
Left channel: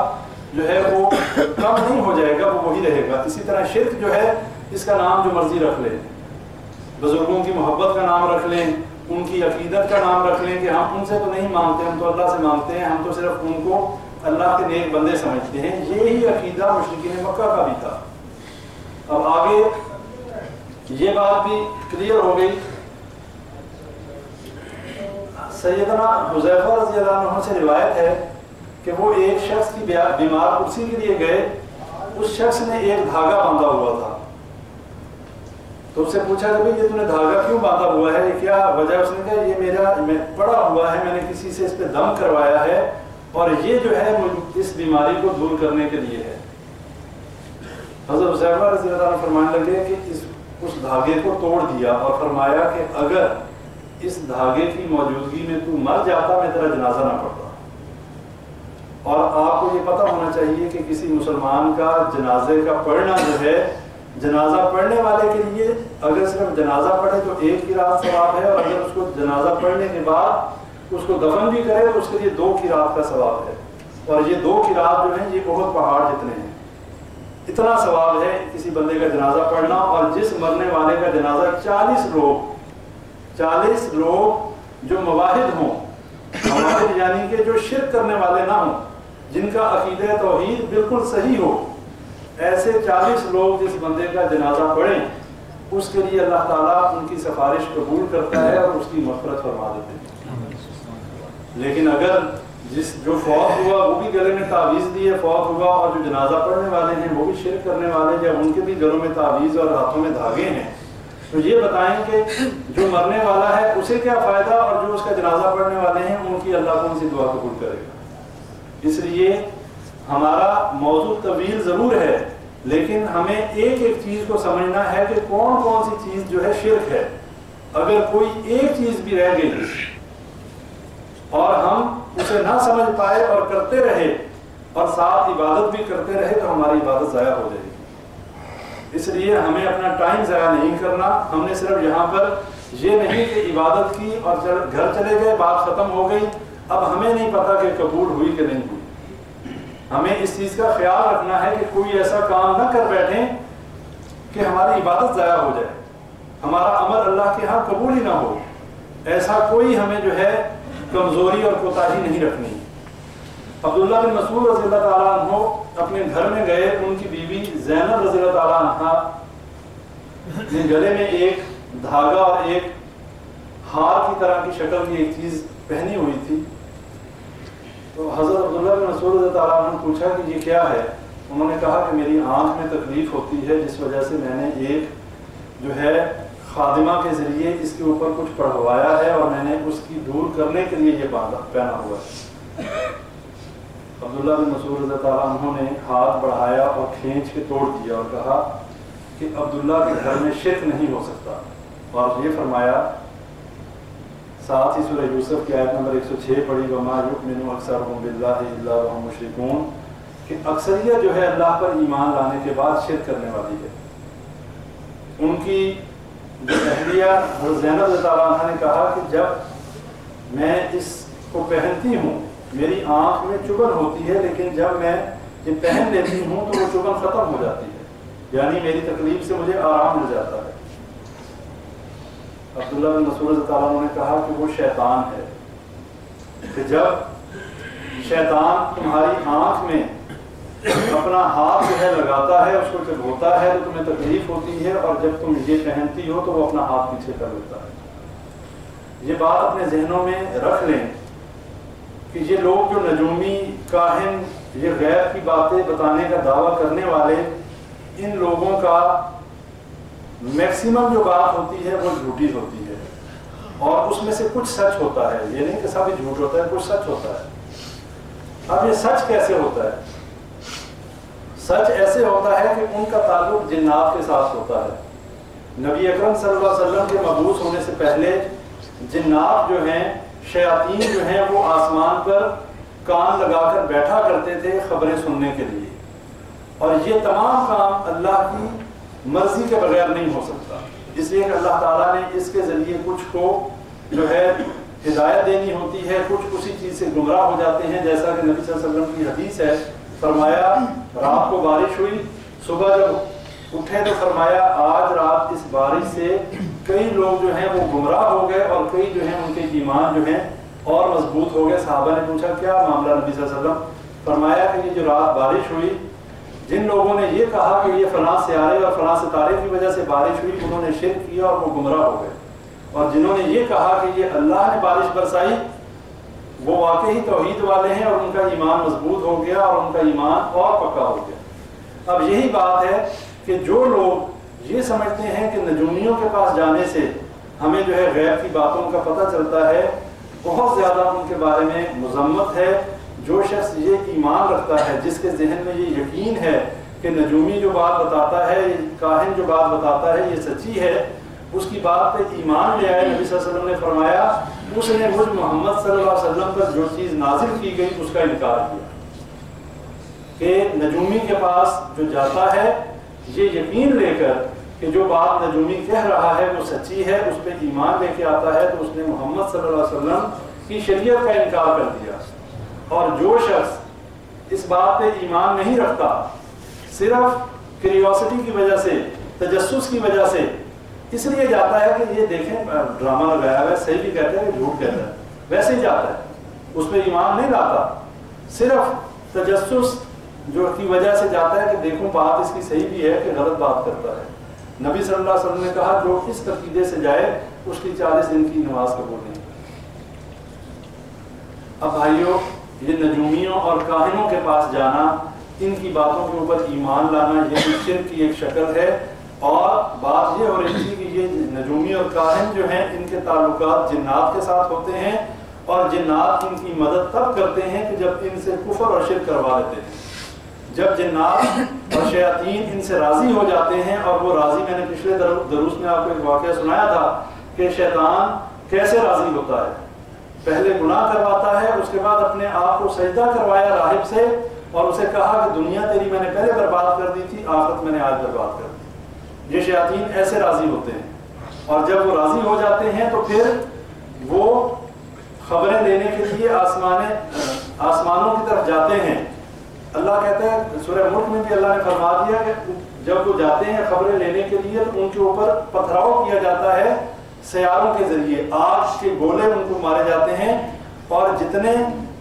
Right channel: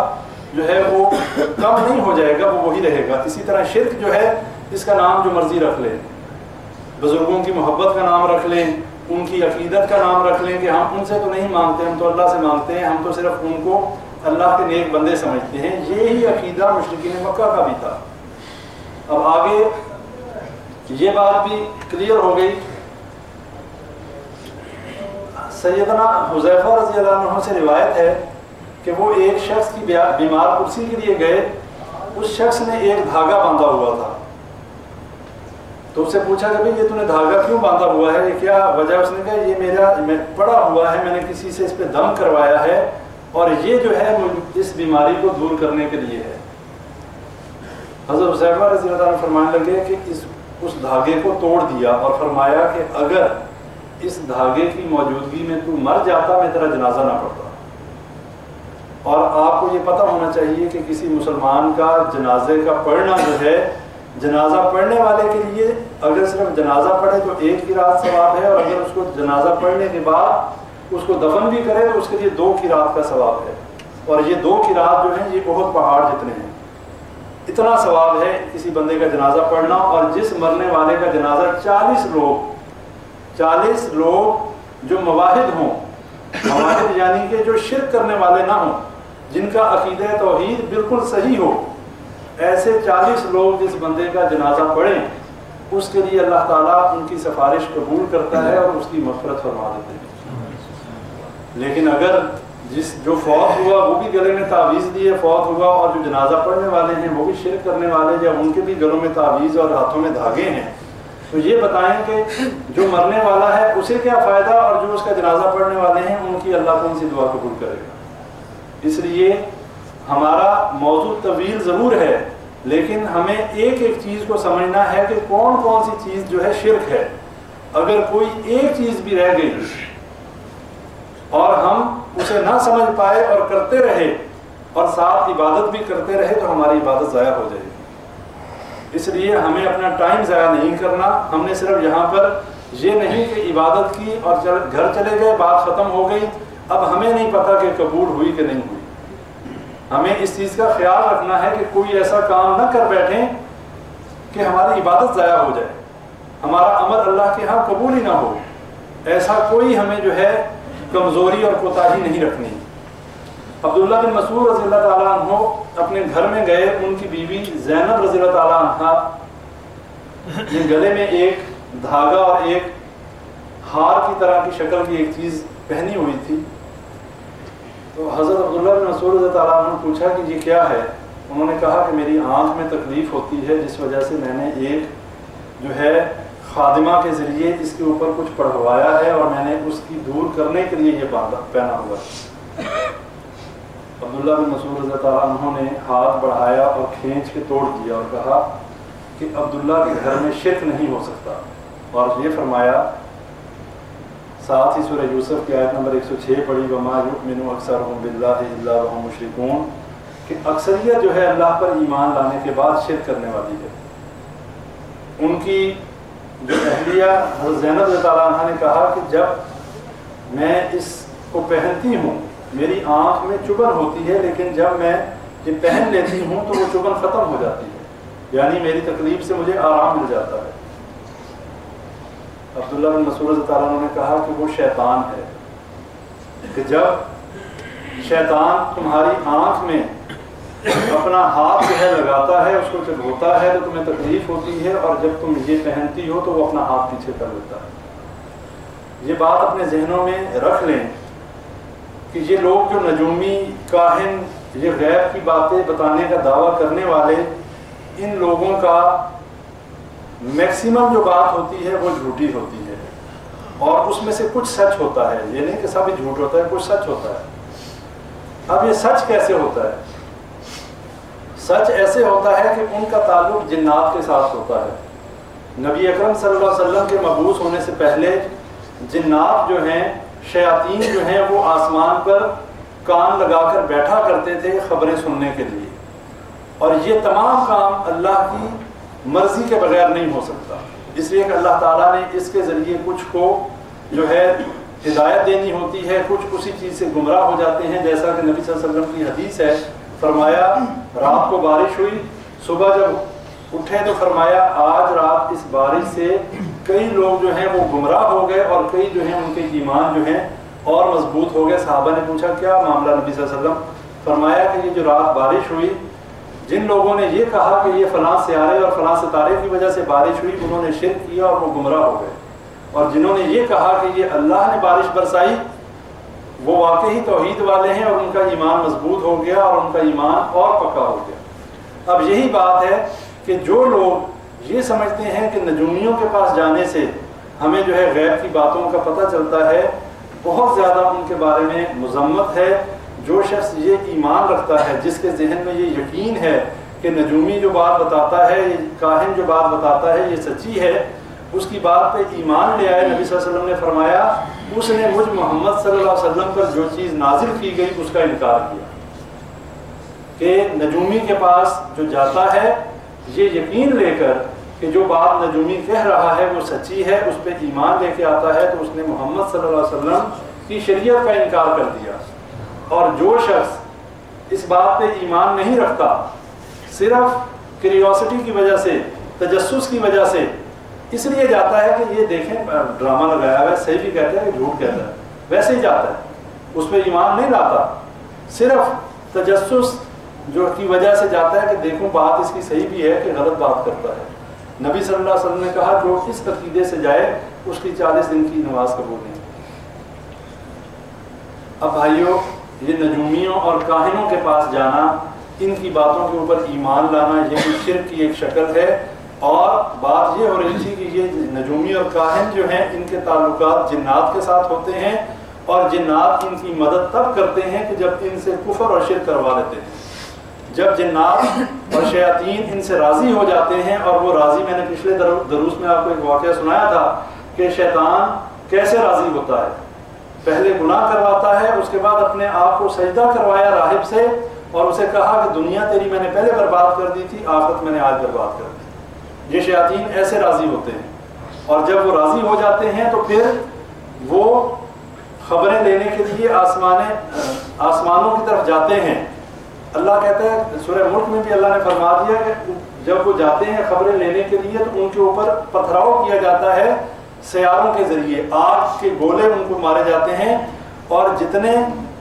جو ہے وہ کم نہیں ہو جائے گا، وہ وہی رہے گا۔ اسی طرح شرک جو ہے اس کا نام جو مرضی رکھ لیں، بزرگوں کی محبت کا نام رکھ لیں، ان کی عقیدت کا نام رکھ لیں کہ ہم ان سے تو نہیں مانگتے، ہم تو اللہ سے مانگتے ہیں، ہم تو صرف ان کو اللہ کے نیک بندے سمجھتے ہیں۔ یہی عقیدہ مشرکین مکہ کا بھی تھا۔ اب آگے یہ بات بھی کلیئر ہو گئی۔ سیدنا حذیفہ رضی اللہ عنہ سے روایت ہے کہ وہ ایک شخص کی بیمار کرسی کے لیے گئے، اس شخص نے ایک دھاگا باندھا ہوا تھا، تو اس سے پوچھا کہ بھئی یہ تو نے دھاگا کیوں باندھا ہوا ہے، یہ کیا وجہ؟ اس نے کہا یہ میں پڑا ہوا ہے، میں نے کسی سے اس پہ دم کروایا ہے اور یہ جو ہے اس بیماری کو دور کرنے کے لیے ہے۔ حضرت حذیفہ رضی اللہ عنہ فرمانے لگے کہ اس دھاگے کو توڑ دیا اور فرمایا کہ اگر اس دھاگے کی موجودگی میں تو مر جاتا میں تیرا جنازہ نہ پڑتا۔ اور آپ کو یہ پتہ ہونا چاہیے کہ کسی مسلمان کا جنازے کا پڑھنا جو ہے، جنازہ پڑھنے والے کے لیے اگر صرف جنازہ پڑھے تو 1 قرات ثواب ہے، اور اگر اس کو جنازہ پڑھنے کے بعد اس کو دفن بھی کرے تو اس کے لیے 2 قرات کا ثواب ہے۔ اور یہ 2 قرات جو ہیں یہ احد پہاڑ جتنے ہیں، اتنا ثواب ہے کسی بندے کا جنازہ پڑھنا۔ اور جس مرنے والے کا جنازہ 40 لوگ جو مواحد ہوں، مواحد یعنی کہ جو شرک کرنے والے نہ ہوں، جن کا عقیدہ توحید بالکل صحیح ہو، ایسے 40 لوگ جس بندے کا جنازہ پڑھیں اس کے لیے اللہ تعالیٰ ان کی سفارش قبول کرتا ہے اور اس کی مغفرت فرما دیتے ہیں۔ لیکن اگر جو فوت ہوا وہ بھی گلے میں تعویذ لیے فوت ہوا، اور جو جنازہ پڑھنے والے ہیں وہ بھی شرک کرنے والے یا ان کے بھی گلوں میں تعویذ اور ہاتھوں میں دھاگے ہیں، تو یہ بتائیں کہ جو مرنے والا ہے اسے کیا فائدہ، اور جو اس کا جنازہ پڑھنے والے ہیں ان کی اللہ کون سی دعا قبول کرے گا۔ اس لیے ہمارا موضوع طویل ضرور ہے، لیکن ہمیں ایک ایک چیز کو سمجھنا ہے کہ کون کون سی چیز جو ہے شرک ہے۔ اگر کوئی ایک چیز بھی رہ گئی اور ہم اسے نہ سمجھ پائے اور کرتے رہے اور ساتھ عبادت بھی کرتے رہے تو ہماری عبادت ضائع ہو جائے گی۔ اس لیے ہمیں اپنا ٹائم ضائع نہیں کرنا۔ ہم نے صرف یہاں پر یہ نہیں کہ عبادت کی اور گھر چلے گئے، بات ختم ہو گئی، اب ہمیں نہیں پتا کہ قبول ہوئی کہ نہیں ہوئی۔ ہمیں اس چیز کا خیال رکھنا ہے کہ کوئی ایسا کام نہ کر بیٹھیں کہ ہماری عبادت ضائع ہو جائے، ہمارا عمل اللہ کے ہاں قبول ہی نہ ہو۔ ایسا کوئی ہمیں جو ہے کمزوری اور کوتاہی نہیں رکھنی۔ عبداللہ بن مسعود رضی اللہ تعالیٰ عنہ اپنے گھر میں گئے، ان کی بیوی زینب رضی اللہ تعالیٰ عنہ جن گلے میں ایک دھاگا اور ایک ہار کی طرح کی شکل کی ایک چیز پہنی ہوئی تھی، تو حضرت عبداللہ بن مسعود رضی اللہ تعالیٰ عنہ نے پوچھا کہ یہ کیا ہے؟ انہوں نے کہا کہ میری آنکھ میں تکلیف ہوتی ہے، جس وجہ سے میں نے ایک جو ہے خادمہ کے ذریعے اس کے اوپر کچھ پڑھوایا ہے اور میں نے اس کی دور کرنے کے لیے یہ پہنا ہوا ہے۔ عبداللہ بن مسعود رضی اللہ عنہ نے ہاتھ بڑھایا اور کھینچ کے توڑ دیا اور کہا کہ عبداللہ کے گھر میں شرک نہیں ہو سکتا، اور یہ فرمایا، ساتھ ہی سورہ یوسف کی آیت نمبر 106 پڑھی، وَمَا يُؤْمِنُ أَكْثَرُهُم بِاللَّهِ إِلَّا وَهُمْ مُشْرِكُونَ، کہ اکثریت جو ہے اللہ پر ایمان لانے کے بعد شرک کرنے والی ہے۔ ان کی جو اہلیہ حضرت زینب رضی اللہ عنہ نے کہا کہ جب میں اس کو پہنتی ہوں میری آنکھ میں چبھن ہوتی ہے، لیکن جب میں یہ پہن لیتی ہوں تو وہ چبھن ختم ہو جاتی ہے، یعنی میری تکلیف سے مجھے آرام مل جاتا ہے۔ عبداللہ بن مسعود رضی اللہ عنہ نے کہا کہ وہ شیطان ہے، کہ جب شیطان تمہاری آنکھ میں اپنا ہاتھ جو ہے لگاتا ہے، اس کو چبھوتا ہے تو تمہیں تکلیف ہوتی ہے، اور جب تم یہ پہنتی ہو تو وہ اپنا ہاتھ پیچھے کر لیتا ہے۔ یہ بات اپنے ذہنوں میں رکھ لیں کہ یہ لوگ جو نجومی، کاہن، یہ غیب کی باتیں بتانے کا دعویٰ کرنے والے، ان لوگوں کا میکسیمم جو بات ہوتی ہے وہ جھوٹی ہوتی ہے، اور اس میں سے کچھ سچ ہوتا ہے، یہ نہیں کہ سب جھوٹ ہوتا ہے، کچھ سچ ہوتا ہے۔ اب یہ سچ کیسے ہوتا ہے؟ سچ ایسے ہوتا ہے کہ ان کا تعلق جنات کے ساتھ ہوتا ہے۔ نبی اکرم صلی اللہ علیہ وسلم کے مبعوث ہونے سے پہلے جنات جو ہیں، شیاطین جو ہیں، وہ آسمان پر کان لگا کر بیٹھا کرتے تھے خبریں سننے کے لیے، اور یہ تمام کام اللہ کی مرضی کے بغیر نہیں ہو سکتا، اس لیے کہ اللہ تعالیٰ نے اس کے ذریعے کچھ کو جو ہے ہدایت دینی ہوتی ہے، کچھ اسی چیز سے گمراہ ہو جاتے ہیں، جیسا کہ نبی صلی اللہ علیہ وسلم کی حدیث ہے، فرمایا رات کو بارش ہوئی، صبح جب اٹھے تو فرمایا آج رات اس بارش سے کئی لوگ جو ہیں وہ گمراہ ہو گئے، اور کئی جو ہیں ان کے ایمان جو ہیں اور مضبوط ہو گئے۔ صحابہ نے پوچھا کیا معاملہ نبی صلی اللہ علیہ وسلم؟ فرمایا کہ یہ جو رات بارش ہوئی، جن لوگوں نے یہ کہا کہ یہ فلاں سیارے اور فلاں ستارے کی وجہ سے بارش ہوئی، انہوں نے شرک کیا اور وہ گمراہ ہو گئے، اور جنہوں نے یہ کہا کہ یہ اللہ نے بارش برسائی، وہ واقعی توحید والے ہیں اور ان کا ایمان مضبوط ہو گیا اور ان کا ایمان اور پکا ہو گیا۔ اب یہی بات ہے کہ جو لوگ یہ سمجھتے ہیں کہ نجومیوں کے پاس جانے سے ہمیں جو ہے غیب کی باتوں کا پتہ چلتا ہے، بہت زیادہ ان کے بارے میں مذمت ہے۔ جو شخص یہ ایمان رکھتا ہے، جس کے ذہن میں یہ یقین ہے کہ نجومی جو بات بتاتا ہے، کاہن جو بات بتاتا ہے، یہ سچی ہے، اس کی بات پہ ایمان لے آئے۔ نبی صلی اللہ علیہ وسلم نے فرمایا اس نے مجھ محمد صلی اللہ علیہ وسلم پر جو چیز نازل کی گئی اس کا انکار کیا، کہ نجومی کے پاس جو جاتا ہے یہ یقین لے کر کہ جو بات نجومی کہہ رہا ہے وہ سچی ہے، اس پہ ایمان لے کے آتا ہے، تو اس نے محمد صلی اللہ علیہ وسلم کی شریعت کا انکار کر دیا۔ اور جو شخص اس بات پہ ایمان نہیں رکھتا، صرف کیوریوسٹی کی وجہ سے، تجسس کی وجہ سے اس لیے جاتا ہے کہ یہ دیکھیں ڈرامہ لگایا ہوا ہے، صحیح بھی کہتا ہے کہ جھوٹ کہتا ہے، ویسے ہی جاتا ہے، اس پہ ایمان نہیں لاتا، صرف تجسس جو کی وجہ سے جاتا ہے کہ دیکھوں بات اس کی صحیح بھی ہے کہ غلط بات کرتا ہے۔ نبی صلی اللہ علیہ وسلم نے کہا جو اس عقیدے سے جائے اس کی 40 دن کی نماز قبول نہیں۔ اب بھائیوں، یہ نجومیوں اور کاہنوں کے پاس جانا، ان کی باتوں کے اوپر ایمان لانا، یہ بھی شرک کی ایک شکل ہے۔ اور بات یہ ہو رہی تھی کہ یہ نجومی اور کاہن جو ہیں ان کے تعلقات جنات کے ساتھ ہوتے ہیں، اور جنات ان کی مدد تب کرتے ہیں کہ جب ان سے کفر اور شرک کروا لیتے ہیں۔ جب جنات اور شیاطین ان سے راضی ہو جاتے ہیں، اور وہ راضی، میں نے پچھلے دروس میں آپ کو ایک واقعہ سنایا تھا کہ شیطان کیسے راضی ہوتا ہے، پہلے گناہ کرواتا ہے، اس کے بعد اپنے آپ کو سجدہ کروایا راہب سے، اور اسے کہا کہ دنیا تیری میں نے پہلے برباد کر دی تھی، آخرت میں نے آج برباد کر دی۔ یہ شیاطین ایسے راضی ہوتے ہیں، اور جب وہ راضی ہو جاتے ہیں تو پھر وہ خبریں لینے کے لیے آسمانوں کی طرف جاتے ہیں۔ اللہ کہتے ہیں سورہ ملک میں بھی اللہ نے فرما دیا کہ جب وہ جاتے ہیں خبریں لینے کے لیے تو ان کے اوپر پتھراؤ کیا جاتا ہے سیاروں کے ذریعے، آگ کے گولے ان کو مارے جاتے ہیں، اور جتنے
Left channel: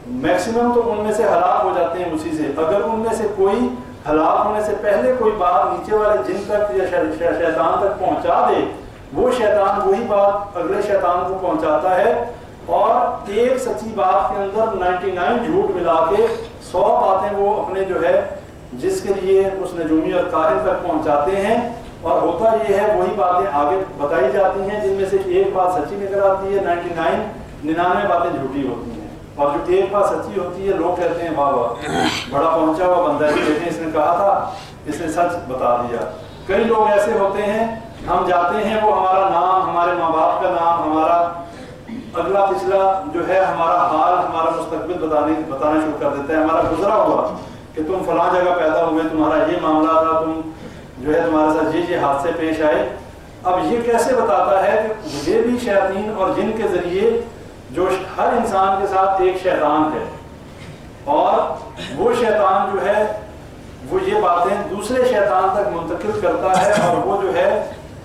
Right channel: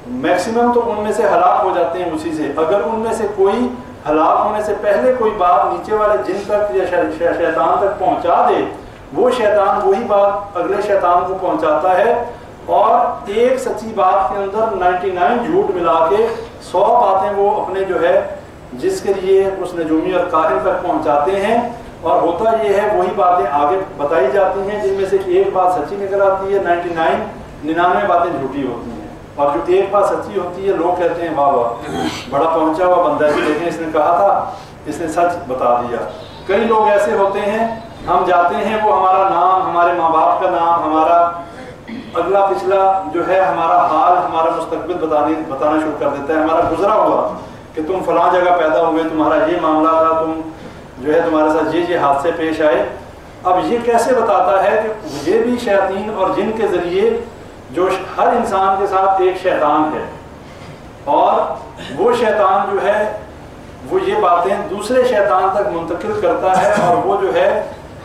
میکسیمم تو ان میں سے ہلاک ہو جاتے ہیں اسی سے. اگر ان میں سے کوئی ہلاک ہونے سے پہلے کوئی بات نیچے والے جن تک یا شیطان تک پہنچا دے، وہ شیطان وہی بات اگلے شیطان کو پہنچاتا ہے، اور ایک سچی بات کے اندر 99 جھوٹ ملا کے 100 باتیں وہ اپنے جو ہے جس کے لیے اس نجومی اور کاہن تک پہنچاتے ہیں. اور ہوتا یہ ہے وہی باتیں آگے بتائی جاتی ہیں جن میں سے ایک بات سچی نکل آتی ہے، 99 باتیں جھوٹی ہوتی ہیں. اور جو ایک بات سچی ہوتی ہے لوگ کہتے ہیں واہ واہ بڑا پہنچا ہوا بندہ ہے، لیکن اس نے کہا تھا، اس نے سچ بتا دیا. کئی لوگ ایسے ہوتے ہیں، ہم جاتے ہیں، وہ ہمارا نام، ہمارے ماں باپ کا نام، ہمارا اگلا پچھلا جو ہے ہمارا حال، ہمارا مستقبل بتانا شروع کر دیتا ہے. ہمارا گزرا ہوا کہ تم فلاں جگہ پیدا ہوئے، تمہارا یہ معاملہ تھا، تم جو ہے تمہارے ساتھ یہ حادثے پیش آئے. اب یہ کیسے بتاتا ہے کہ یہ بھی شیاطین اور جن کے ذریعے جو ہر انسان کے ساتھ ایک شیطان ہے، اور وہ شیطان جو ہے وہ یہ باتیں دوسرے شیطان تک منتقل کرتا ہے، اور وہ جو ہے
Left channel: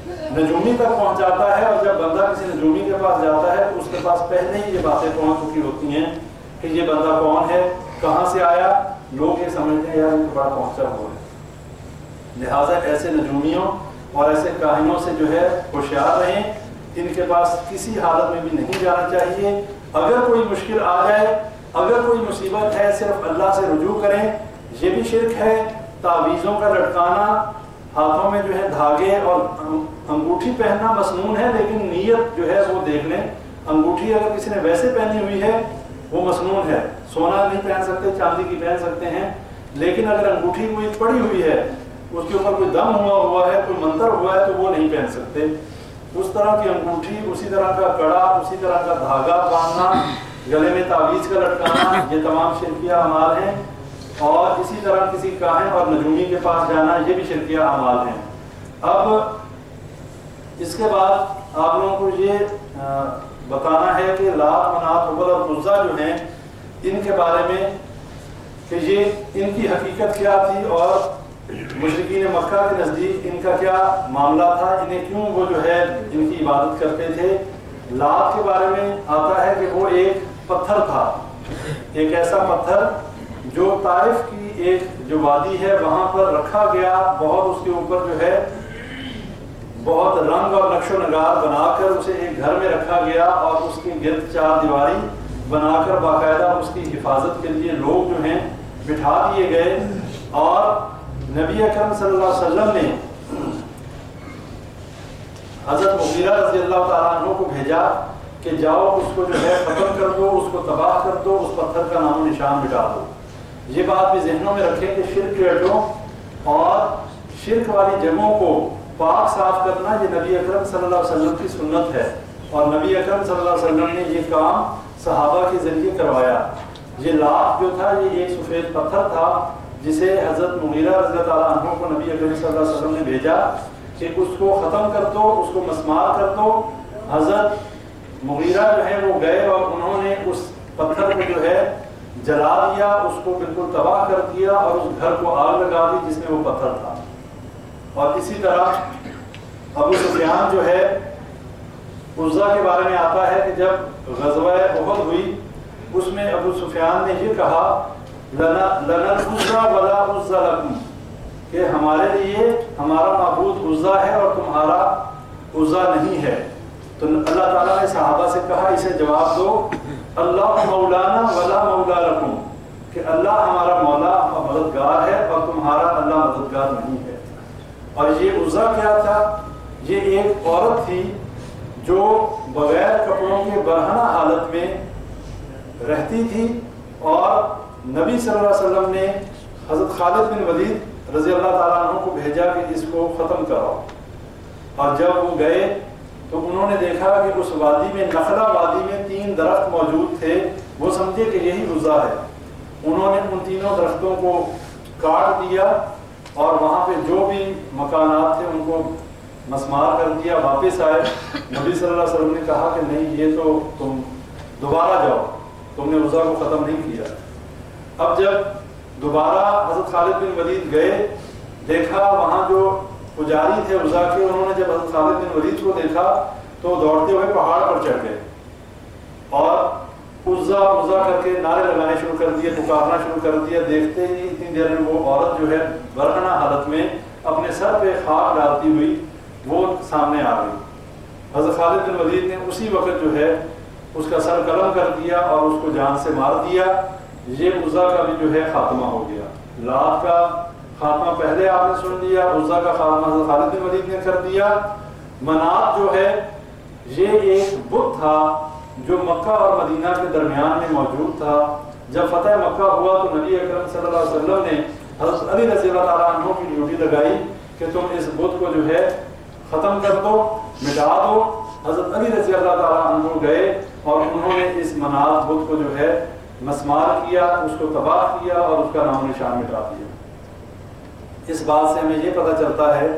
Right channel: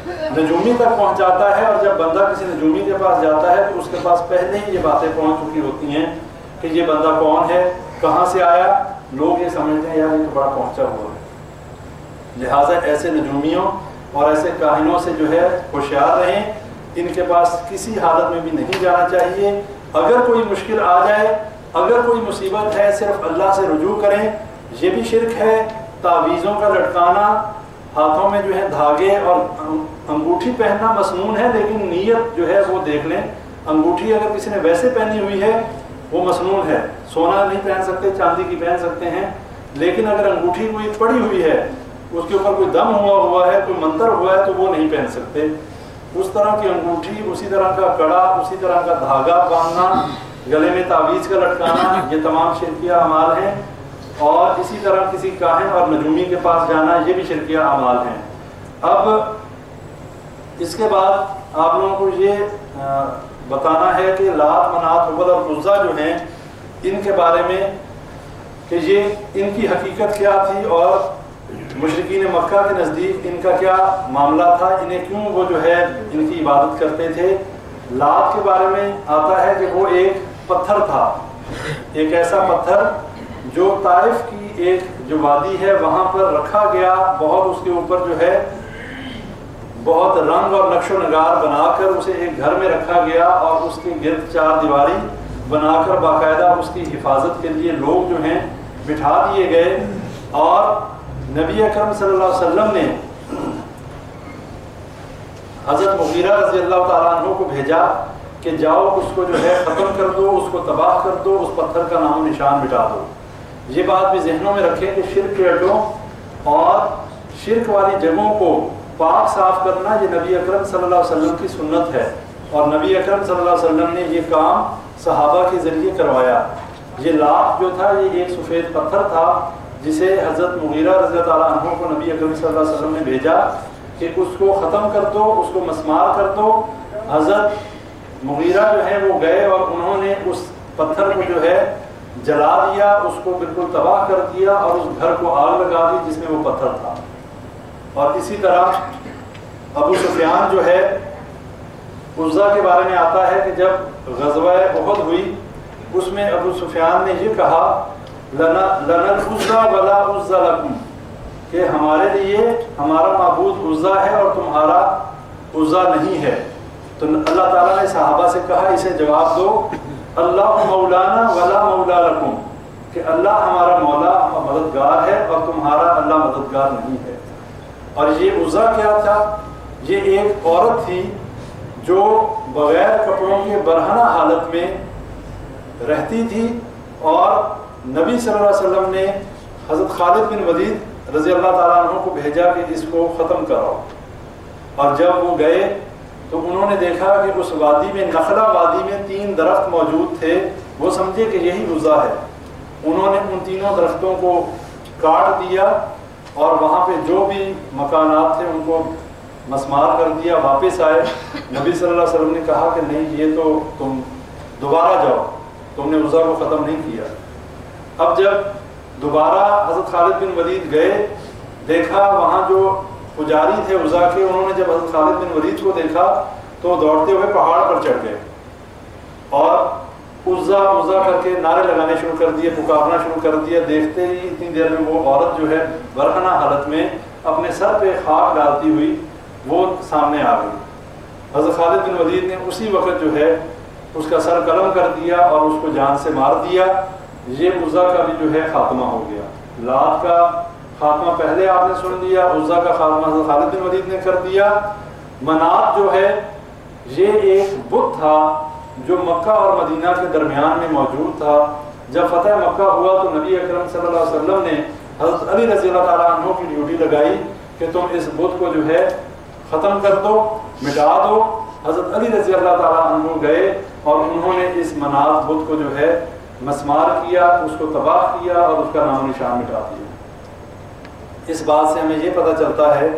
نجومی تک پہنچاتا ہے. اور جب بندہ کسی نجومی کے پاس جاتا ہے تو اس کے پاس پہلے ہی یہ باتیں پہنچ چکی ہوتی ہیں کہ یہ بندہ کون ہے، کہاں سے آیا. لوگ یہ سمجھتے ہیں یار یہ تو بڑا پہنچا ہوا ہے. لہٰذا ایسے نجومیوں اور ایسے کاہنوں سے جو ہے ہوشیار رہیں. ان کے پاس کسی حالت میں بھی نہیں جانا چاہیے. اگر کوئی مشکل آ جائے، اگر کوئی مصیبت ہے، صرف اللہ سے رجوع کریں. یہ بھی شرک ہے. تعویذوں کا لٹکانا، ہاتھوں میں جو ہے دھاگے اور انگوٹھی پہننا مسنون ہے، لیکن نیت جو ہے وہ دیکھ لیں. انگوٹھی اگر کسی نے ویسے پہنی ہوئی ہے وہ مسنون ہے. سونا نہیں پہن سکتے، چاندی کی پہن سکتے ہیں، لیکن اگر انگوٹھی کوئی پڑی ہوئی ہے، اس کے اوپر کوئی دم ہوا ہے، کوئی منتر ہوا ہے، تو وہ نہیں پہن سکتے. اس طرح کی انگوٹھی، اسی طرح کا کڑا، اسی طرح کا دھاگا باندھنا، گلے میں تعویذ کا لٹکانا، یہ تمام شرکیہ اعمال ہیں. اور اسی طرح کسی کاہن اور نجومی کے پاس جانا، یہ بھی شرکیہ اعمال ہیں. اب اس کے بعد آپ لوگوں کو یہ بتانا ہے کہ لات، منات، حبل اور عزیٰ جو ہیں ان کے بارے میں کہ یہ ان کی حقیقت کیا تھی، اور مشرکین مکہ کے نزدیک ان کا کیا معاملہ تھا، انہیں کیوں وہ جو ہے ان کی عبادت کرتے تھے. لات کے بارے میں آتا ہے کہ وہ ایک پتھر تھا، ایک ایسا پتھر جو طائف کی ایک جو وادی ہے وہاں پر رکھا گیا. بہت اس کے اوپر جو ہے بہت رنگ اور نقش و نگار بنا کر اسے ایک گھر میں رکھا گیا، اور اس کے گرد 4 دیواری بنا کر باقاعدہ اس کی حفاظت کے لیے لوگ جو ہیں بٹھا دیے گئے. اور نبی اکرم صلی اللہ علیہ وسلم نے حضرت مغیرہ رضی اللہ تعالیٰ عنہ کو بھیجا کہ جاؤ اس کو جو ہے ختم کر دو، اس کو تباہ کر دو، اس پتھر کا نام و نشان مٹا دو. یہ بات بھی ذہنوں میں رکھیں کہ شرک کے اڈوں اور شرک والی جگہوں کو پاک صاف کرنا یہ نبی اکرم صلی اللہ علیہ وسلم کی سنت ہے. اور نبی اکرم صلی اللہ علیہ وسلم نے یہ کام صحابہ کے ذریعے کروایا. یہ لات جو تھا یہ ایک سفید پتھر تھا جسے حضرت مغیرہ رضی اللہ تعالیٰ عنہ کو نبی اکرم صلی اللہ علیہ وسلم نے بھیجا کہ اس کو ختم کر دو، اس کو مسمار کر دو. حضرت مغیرہ جو ہے وہ گئے اور انہوں نے اس پتھر کو جو ہے جلا دیا، اس کو بالکل تباہ کر دیا، اور اس گھر کو آگ لگا دی جس میں وہ پتھر تھا. اور اسی طرح ابو سفیان جو ہے عزیٰ کے بارے میں آتا ہے کہ جب غزوہ احد ہوئی اس میں ابو سفیان نے یہ کہا لنا العزیٰ ولا عزیٰ لکم، کہ ہمارے لیے ہمارا معبود عزیٰ ہے اور تمہارا عزیٰ نہیں ہے. تو اللہ تعالیٰ نے صحابہ سے کہا اسے جواب دو اللہ مولانا ولا مولا لکم، کہ اللہ ہمارا مولا مددگار ہے اور تمہارا اللہ مددگار نہیں ہے. اور یہ عزیٰ کیا تھا؟ یہ ایک عورت تھی جو بغیر کپڑوں کے برہنہ حالت میں رہتی تھی، اور نبی صلی اللہ علیہ وسلم نے حضرت خالد بن ولید رضی اللہ تعالیٰ عنہ کو بھیجا کہ اس کو ختم کراؤ. اور جب وہ گئے تو انہوں نے دیکھا کہ اس وادی میں، نخلا وادی میں 3 درخت موجود تھے. وہ سمجھے کہ یہی عزیٰ ہے. انہوں نے ان تینوں درختوں کو کاٹ دیا اور وہاں پہ جو بھی مکانات تھے ان کو مسمار کر دیا. واپس آئے، نبی صلی اللہ علیہ وسلم نے کہا کہ نہیں، یہ تو تم دوبارہ جاؤ، تم نے عزیٰ کو ختم نہیں کیا. اب جب دوبارہ حضرت خالد بن ولید گئے، دیکھا وہاں جو پجاری تھے عزیٰ کے، انہوں نے جب حضرت خالد بن ولید کو دیکھا تو دوڑتے ہوئے پہاڑ پر چڑھ گئے اور عزا عزا کر کے نعرے لگانے شروع کر دیے، پکارنا شروع کر دیا۔ دیکھتے ہی اتنی دیر میں وہ عورت جو ہے برہنہ حالت میں اپنے سر پہ خاک ڈالتی ہوئی وہ سامنے آ گئی۔ حضرت خالد بن ولید نے اسی وقت جو ہے اس کا سر قلم کر دیا اور اس کو جان سے مار دیا۔ یہ عزا کا بھی جو ہے خاتمہ ہو گیا۔ لات کا خاتمہ پہلے آپ نے سن لیا، عزا کا خاتمہ حضرت خالد بن ولید نے کر دیا۔ منات جو ہے یہ ایک بت تھا جو مکہ اور مدینہ کے درمیان میں موجود تھا۔ جب فتح مکہ ہوا تو نبی اکرم صلی اللہ علیہ وسلم نے حضرت علی رضی اللہ تعالیٰ عنہ کی ڈیوٹی لگائی کہ تم اس بت کو جو ہے ختم کر دو، مٹا دو۔ حضرت علی رضی اللہ تعالیٰ عنہ گئے اور انہوں نے اس منات بت کو جو ہے مسمار کیا، اس کو تباہ کیا اور اس کا نام و نشان مٹا دیا۔ اس بات سے ہمیں یہ پتہ چلتا ہے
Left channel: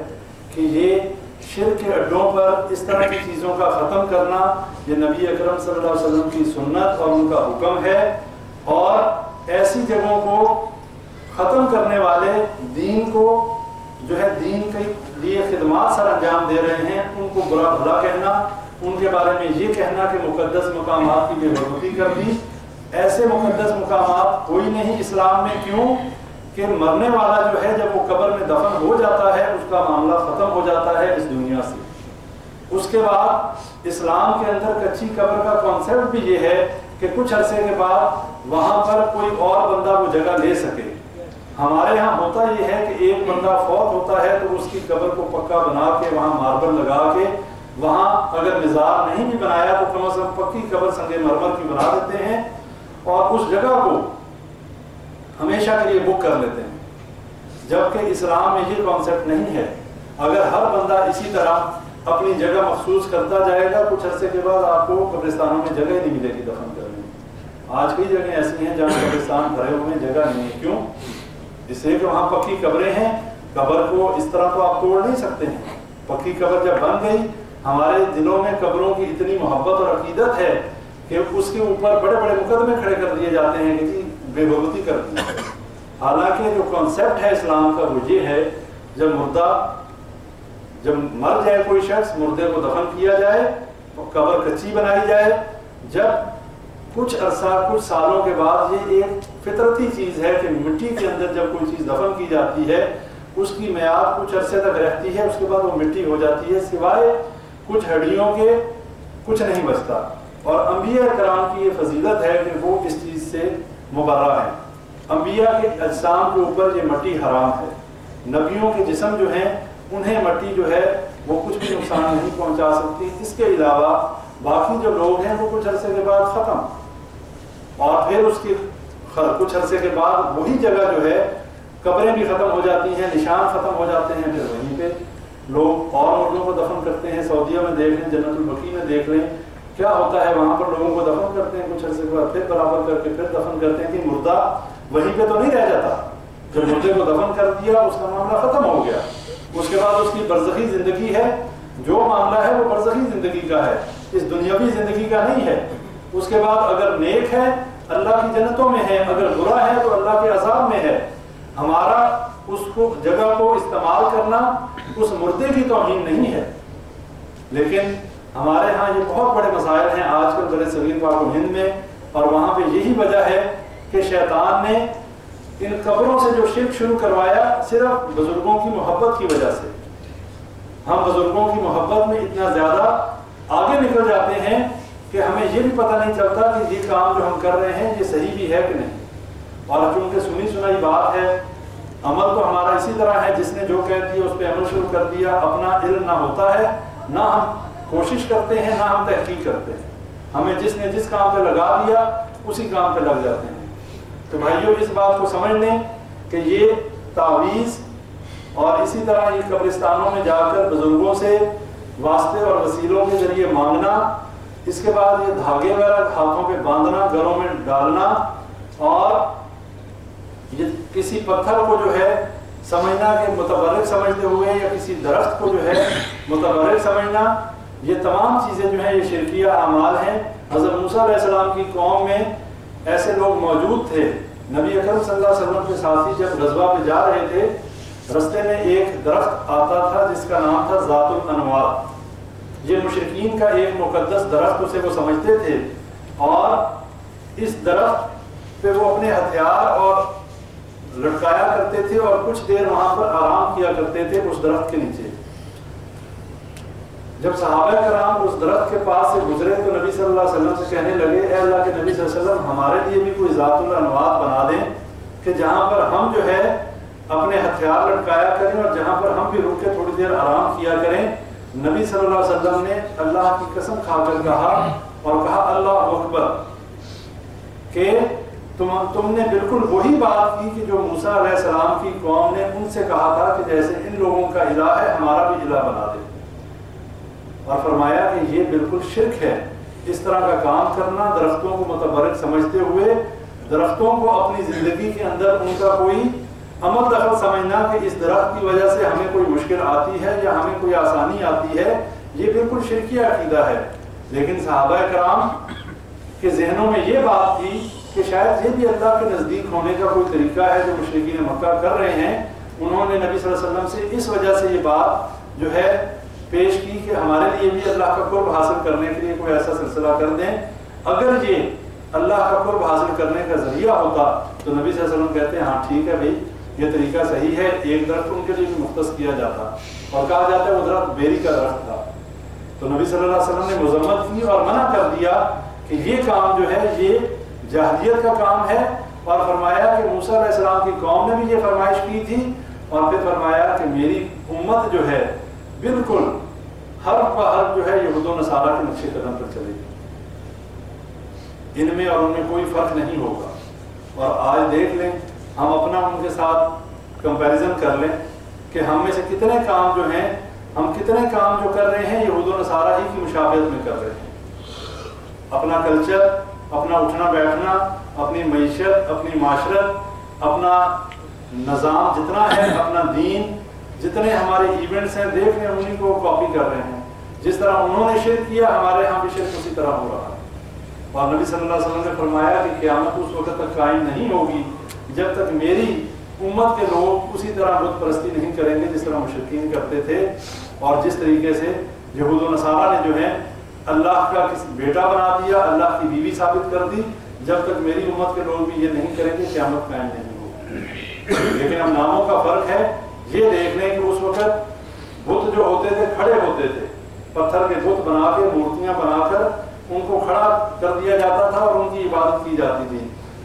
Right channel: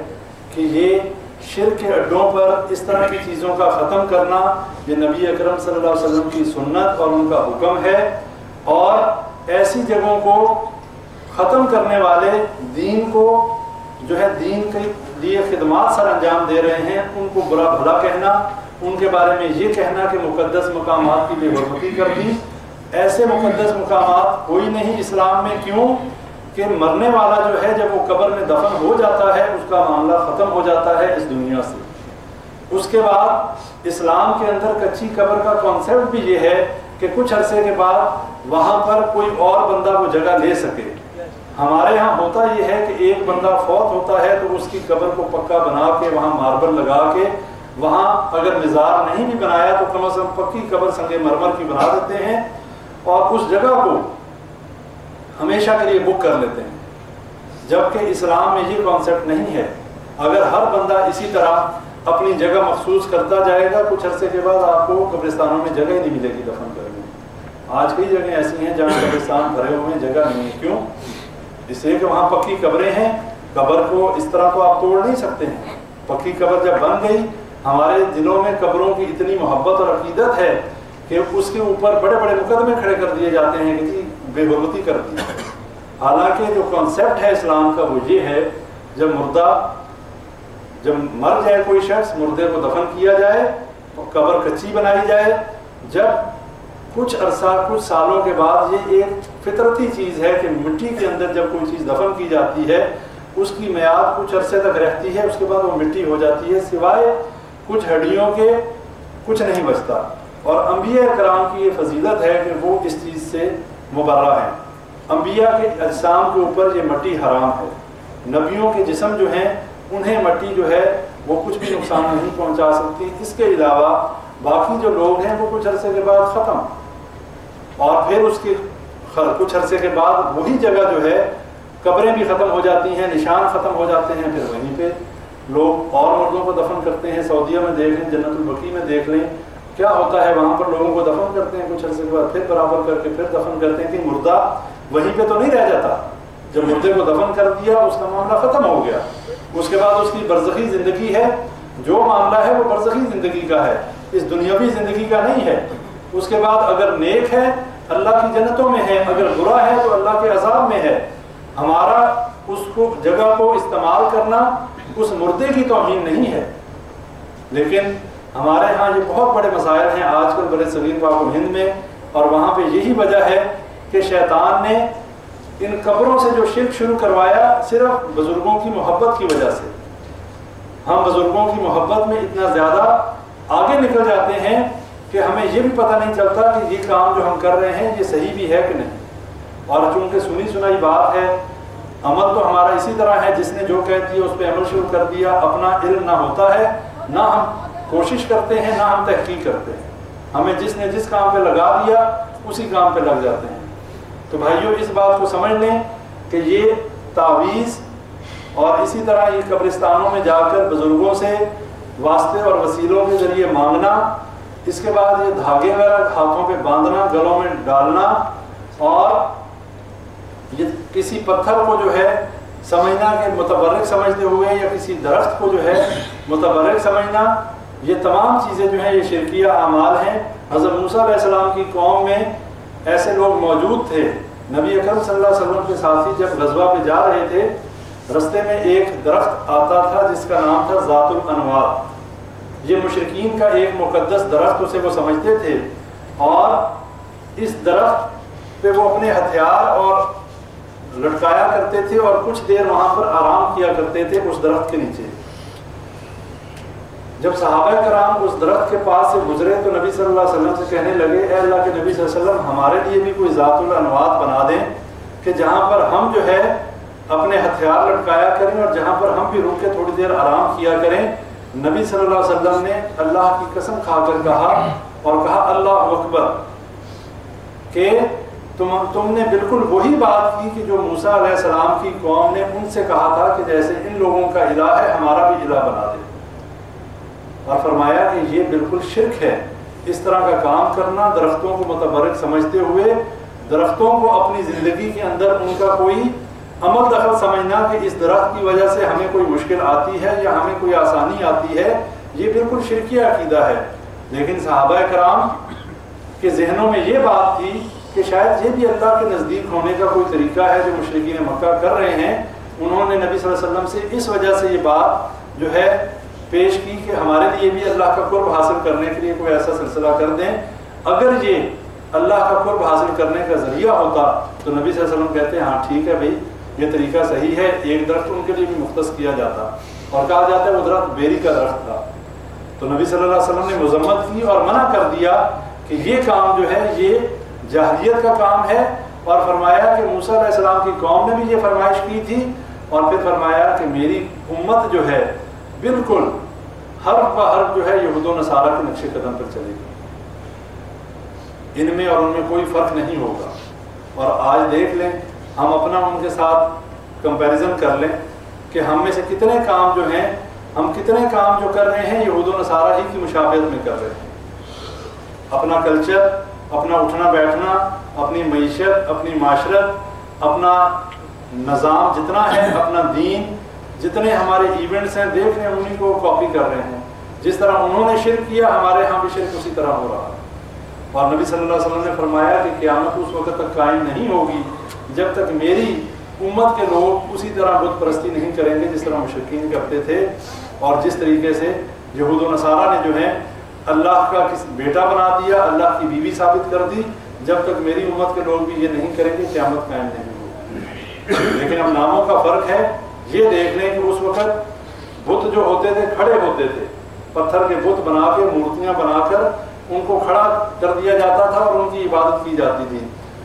کہ یہ شرک کے اڈوں پر اس طرح کی چیزوں کا ختم کرنا یہ نبی اکرم صلی اللہ علیہ وسلم کی سنت اور ان کا حکم ہے، اور ایسی جگہوں کو ختم کرنے والے دین کو جو ہے دین کے لیے خدمات سر انجام دے رہے ہیں ان کو برا بھلا کہنا، ان کے بارے میں یہ کہنا کہ مقدس مقامات کی بے حرمتی کر دی۔ ایسے مقدس مقامات کوئی نہیں اسلام میں، کیوں کہ مرنے والا جو ہے جب وہ قبر میں دفن ہو جاتا ہے اس کا معاملہ ختم ہو جاتا ہے اس دنیا سے۔ اس کے بعد اسلام کے اندر کچی قبر کا کانسیپٹ بھی یہ ہے کہ کچھ عرصے کے بعد وہاں پر کوئی اور بندہ وہ جگہ لے سکے۔ ہمارے ہاں ہوتا یہ ہے کہ ایک بندہ فوت ہوتا ہے تو اس کی قبر کو پکا بنا کے وہاں ماربل لگا کے وہاں اگر مزار نہیں بھی بنایا تو کم از کم پکی قبر سنگ مرمر کی بنا دیتے ہیں اور اس جگہ کو ہمیشہ کے لیے بک کر لیتے ہیں، جبکہ اسلام میں یہ کانسیپٹ نہیں ہے۔ اگر ہر بندہ اسی طرح اپنی جگہ مخصوص کرتا جائے گا کچھ عرصے کے بعد آپ کو قبرستانوں میں جگہ ہی نہیں ملے گی دفن کرنے۔ آج کئی جگہیں ایسی ہیں جہاں قبرستان بھرے ہوئے جگہ نہیں ہے، کیوں؟ اس لیے کہ وہاں پکی قبریں ہیں، قبر کو اس طرح تو آپ توڑ نہیں سکتے ہیں۔ پکی قبر جب بن گئی، ہمارے دلوں میں قبروں کی اتنی محبت اور عقیدت ہے کہ اس کے اوپر بڑے بڑے مقدمے کھڑے کر دیے جاتے ہیں کہ جی بے حرمتی کر دی۔ حالانکہ جو کانسیپٹ ہے اسلام کا وہ یہ ہے جب مر جائے کوئی شخص مردے کو دفن کیا جائے تو قبر کچی بنائی جائے۔ جب کچھ عرصہ کچھ سالوں کے بعد یہ ایک فطرتی چیز ہے کہ مٹی کے اندر جب کوئی چیز دفن کی جاتی ہے اس کی میعاد کچھ عرصے تک رہتی ہے، اس کے بعد وہ مٹی ہو جاتی ہے، سوائے کچھ ہڈیوں کے کچھ نہیں بچتا۔ اور انبیاء کرام کی یہ فضیلت ہے کہ وہ اس چیز سے مبرہ ہیں۔ انبیاء کے اجسام کے اوپر یہ مٹی حرام ہے، نبیوں کے جسم جو ہیں انہیں مٹی جو ہے وہ کچھ بھی نقصان نہیں پہنچا سکتی۔ اس کے علاوہ باقی جو لوگ ہیں وہ کچھ عرصے کے بعد ختم، اور پھر اس کے کچھ عرصے کے بعد وہی جگہ جو ہے قبریں بھی ختم ہو جاتی ہیں، نشان ختم ہو جاتے ہیں، پھر وہیں پہ لوگ اور مردوں کو دفن کرتے ہیں۔ سعودیہ میں دیکھ لیں، جنت البقیع میں دیکھ لیں کیا ہوتا ہے، وہاں پر لوگوں کو دفن کرتے ہیں، کچھ عرصے کے بعد پھر برابر کر کے پھر دفن کرتے ہیں کہ مردہ وہیں پہ تو نہیں رہ جاتا۔ جب مردے کو دفن کر دیا اس کا معاملہ ختم ہو گیا، اس کے بعد اس کی برزخی زندگی ہے، جو معاملہ ہے وہ برزخی زندگی کا ہے، اس دنیاوی زندگی کا نہیں ہے۔ اس کے بعد اگر نیک ہے اللہ کی جنتوں میں ہے، اگر برا ہے تو اللہ کے عذاب میں ہے۔ ہمارا اس کو جگہ کو استعمال کرنا اس مردے کی توہین نہیں ہے، لیکن ہمارے ہاں یہ بہت بڑے مسائل ہیں آج کل برے صغیر پاک و ہند میں، اور وہاں پہ یہی وجہ ہے کہ شیطان نے ان قبروں سے جو شرک شروع کروایا صرف بزرگوں کی محبت کی وجہ سے۔ ہم بزرگوں کی محبت میں اتنا زیادہ آگے نکل جاتے ہیں کہ ہمیں یہ بھی پتہ نہیں چلتا کہ یہ کام جو ہم کر رہے ہیں یہ صحیح بھی ہے کہ نہیں۔ اور چونکہ سنی سنائی بات ہے، عمل تو ہمارا اسی طرح ہے، جس نے جو کہہ دیا اس پہ عمل شروع کر دیا، اپنا علم نہ ہوتا ہے، نہ ہم کوشش کرتے ہیں، نہ ہم تحقیق کرتے ہیں، ہمیں جس نے جس کام پہ لگا دیا اسی کام پہ لگ جاتے ہیں۔ تو بھائیوں اس بات کو سمجھ لیں کہ یہ تعویذ اور اسی طرح یہ قبرستانوں میں جا کر بزرگوں سے واسطے اور وسیلوں کے ذریعے مانگنا، اس کے بعد یہ دھاگے وغیرہ ہاتھوں پہ باندھنا، گلوں میں ڈالنا، اور یہ کسی پتھر کو جو ہے سمجھنا کہ متبرک سمجھتے ہوئے یا کسی درخت کو جو ہے متبرک سمجھنا، یہ تمام چیزیں جو ہیں یہ شرکیہ اعمال ہیں۔ حضرت موسیٰ علیہ السلام کی قوم میں ایسے لوگ موجود تھے، نبی اکرم صلی اللہ علیہ وسلم کے ساتھی جب غزوہ پہ جا رہے تھے، رستے میں ایک درخت آتا تھا جس کا نام تھا ذات الانوار۔ یہ مشرکین کا ایک مقدس درخت اسے وہ سمجھتے تھے، اور اس درخت پہ وہ اپنے ہتھیار اور لٹکایا کرتے تھے اور کچھ دیر وہاں پر آرام کیا کرتے تھے اس درخت کے نیچے۔ جب صحابہ کرام اس درخت کے پاس سے گزرے تو نبی صلی اللہ علیہ وسلم سے کہنے لگے اے اللہ کے نبی صلی اللہ علیہ وسلم ہمارے لیے بھی کوئی ذات الانوات بنا دیں کہ جہاں پر ہم جو ہے اپنے ہتھیار لٹکایا کریں اور جہاں پر ہم بھی رک کے تھوڑی دیر آرام کیا کریں۔ نبی صلی اللہ علیہ وسلم نے اللہ کی قسم کھا کر کہا اور کہا اللہ اکبر کہ تم نے بالکل وہی بات کی کہ جو موسیٰ علیہ السلام کی قوم نے ان سے کہا تھا کہ جیسے ان لوگوں کا الہ ہے ہمارا بھی الہ بنا دے، اور فرمایا کہ یہ بالکل شرک ہے اس طرح کا کام کرنا، درختوں کو متبرک سمجھتے ہوئے درختوں کو اپنی زندگی کے اندر ان کا کوئی عمل دخل سمجھنا کہ اس درخت کی وجہ سے ہمیں کوئی مشکل آتی ہے یا ہمیں کوئی آسانی آتی ہے، یہ بالکل شرکی عقیدہ ہے۔ لیکن صحابہ کرام کے ذہنوں میں یہ بات تھی کہ شاید یہ بھی اللہ کے نزدیک ہونے کا کوئی طریقہ ہے جو مشرکین مکہ کر رہے ہیں۔ انہوں نے نبی صلی اللہ علیہ وسلم سے اس وجہ سے یہ بات جو ہے پیش کی کہ ہمارے لیے بھی اللہ کا قرب حاصل کرنے کے لیے کوئی ایسا سلسلہ کر دیں۔ اگر یہ اللہ کا قرب حاصل کرنے کا ذریعہ ہوتا تو نبی صلی اللہ علیہ وسلم کہتے ہیں ہاں ٹھیک ہے بھائی یہ طریقہ صحیح ہے، ایک درخت ان کے لیے بھی مختص کیا جاتا اور کہا جاتا ہے وہ درخت بیری کا درخت تھا۔ تو نبی صلی اللہ علیہ وسلم نے مذمت کی اور منع کر دیا کہ یہ کام جو ہے یہ جاہلیت کا کام ہے، اور فرمایا کہ موسیٰ علیہ السلام کی قوم نے بھی یہ فرمائش کی تھی، اور پھر فرمایا کہ میری امت جو ہے بالکل حرف بہ حرف جو ہے یہود و نصارہ کے نقش قدم پر چلے گی، ان میں اور ان میں کوئی فرق نہیں ہوگا۔ اور آج دیکھ لیں ہم اپنا ان کے ساتھ کمپیریزن کر لیں کہ ہم میں سے کتنے کام جو ہیں، ہم کتنے کام جو کر رہے ہیں یہود و نصارہ ہی کی مشابہت میں کر رہے ہیں۔ اپنا کلچر، اپنا اٹھنا بیٹھنا، اپنی معیشت، اپنی معاشرت، اپنا نظام جتنا ہے، اپنا دین، جتنے ہمارے ایونٹس ہیں دیکھ رہے ہیں انہیں کو کاپی کر رہے ہیں۔ جس طرح انہوں نے شرک کیا ہمارے ہاں بھی شرک اسی طرح ہو رہا ہے۔ اور نبی صلی اللہ علیہ وسلم نے فرمایا کہ قیامت اس وقت تک قائم نہیں ہوگی جب تک میری امت کے لوگ اسی طرح بت پرستی نہیں کریں گے جس طرح مشرکین کرتے تھے، اور جس طریقے سے یہود و نصارہ نے جو ہے اللہ کا بیٹا بنا دیا، اللہ کی بیوی ثابت کر دی۔ جب تک میری امت کے لوگ بھی یہ نہیں کریں گے قیامت قائم نہیں ہوگی۔ لیکن اب ناموں کا فرق ہے۔ یہ دیکھ لیں کہ اس وقت بت جو ہوتے تھے کھڑے ہوتے تھے، پتھر کے بت بنا کے مورتیاں بنا کر ان کو کھڑا کر دیا جاتا تھا اور ان کی عبادت کی جاتی تھی۔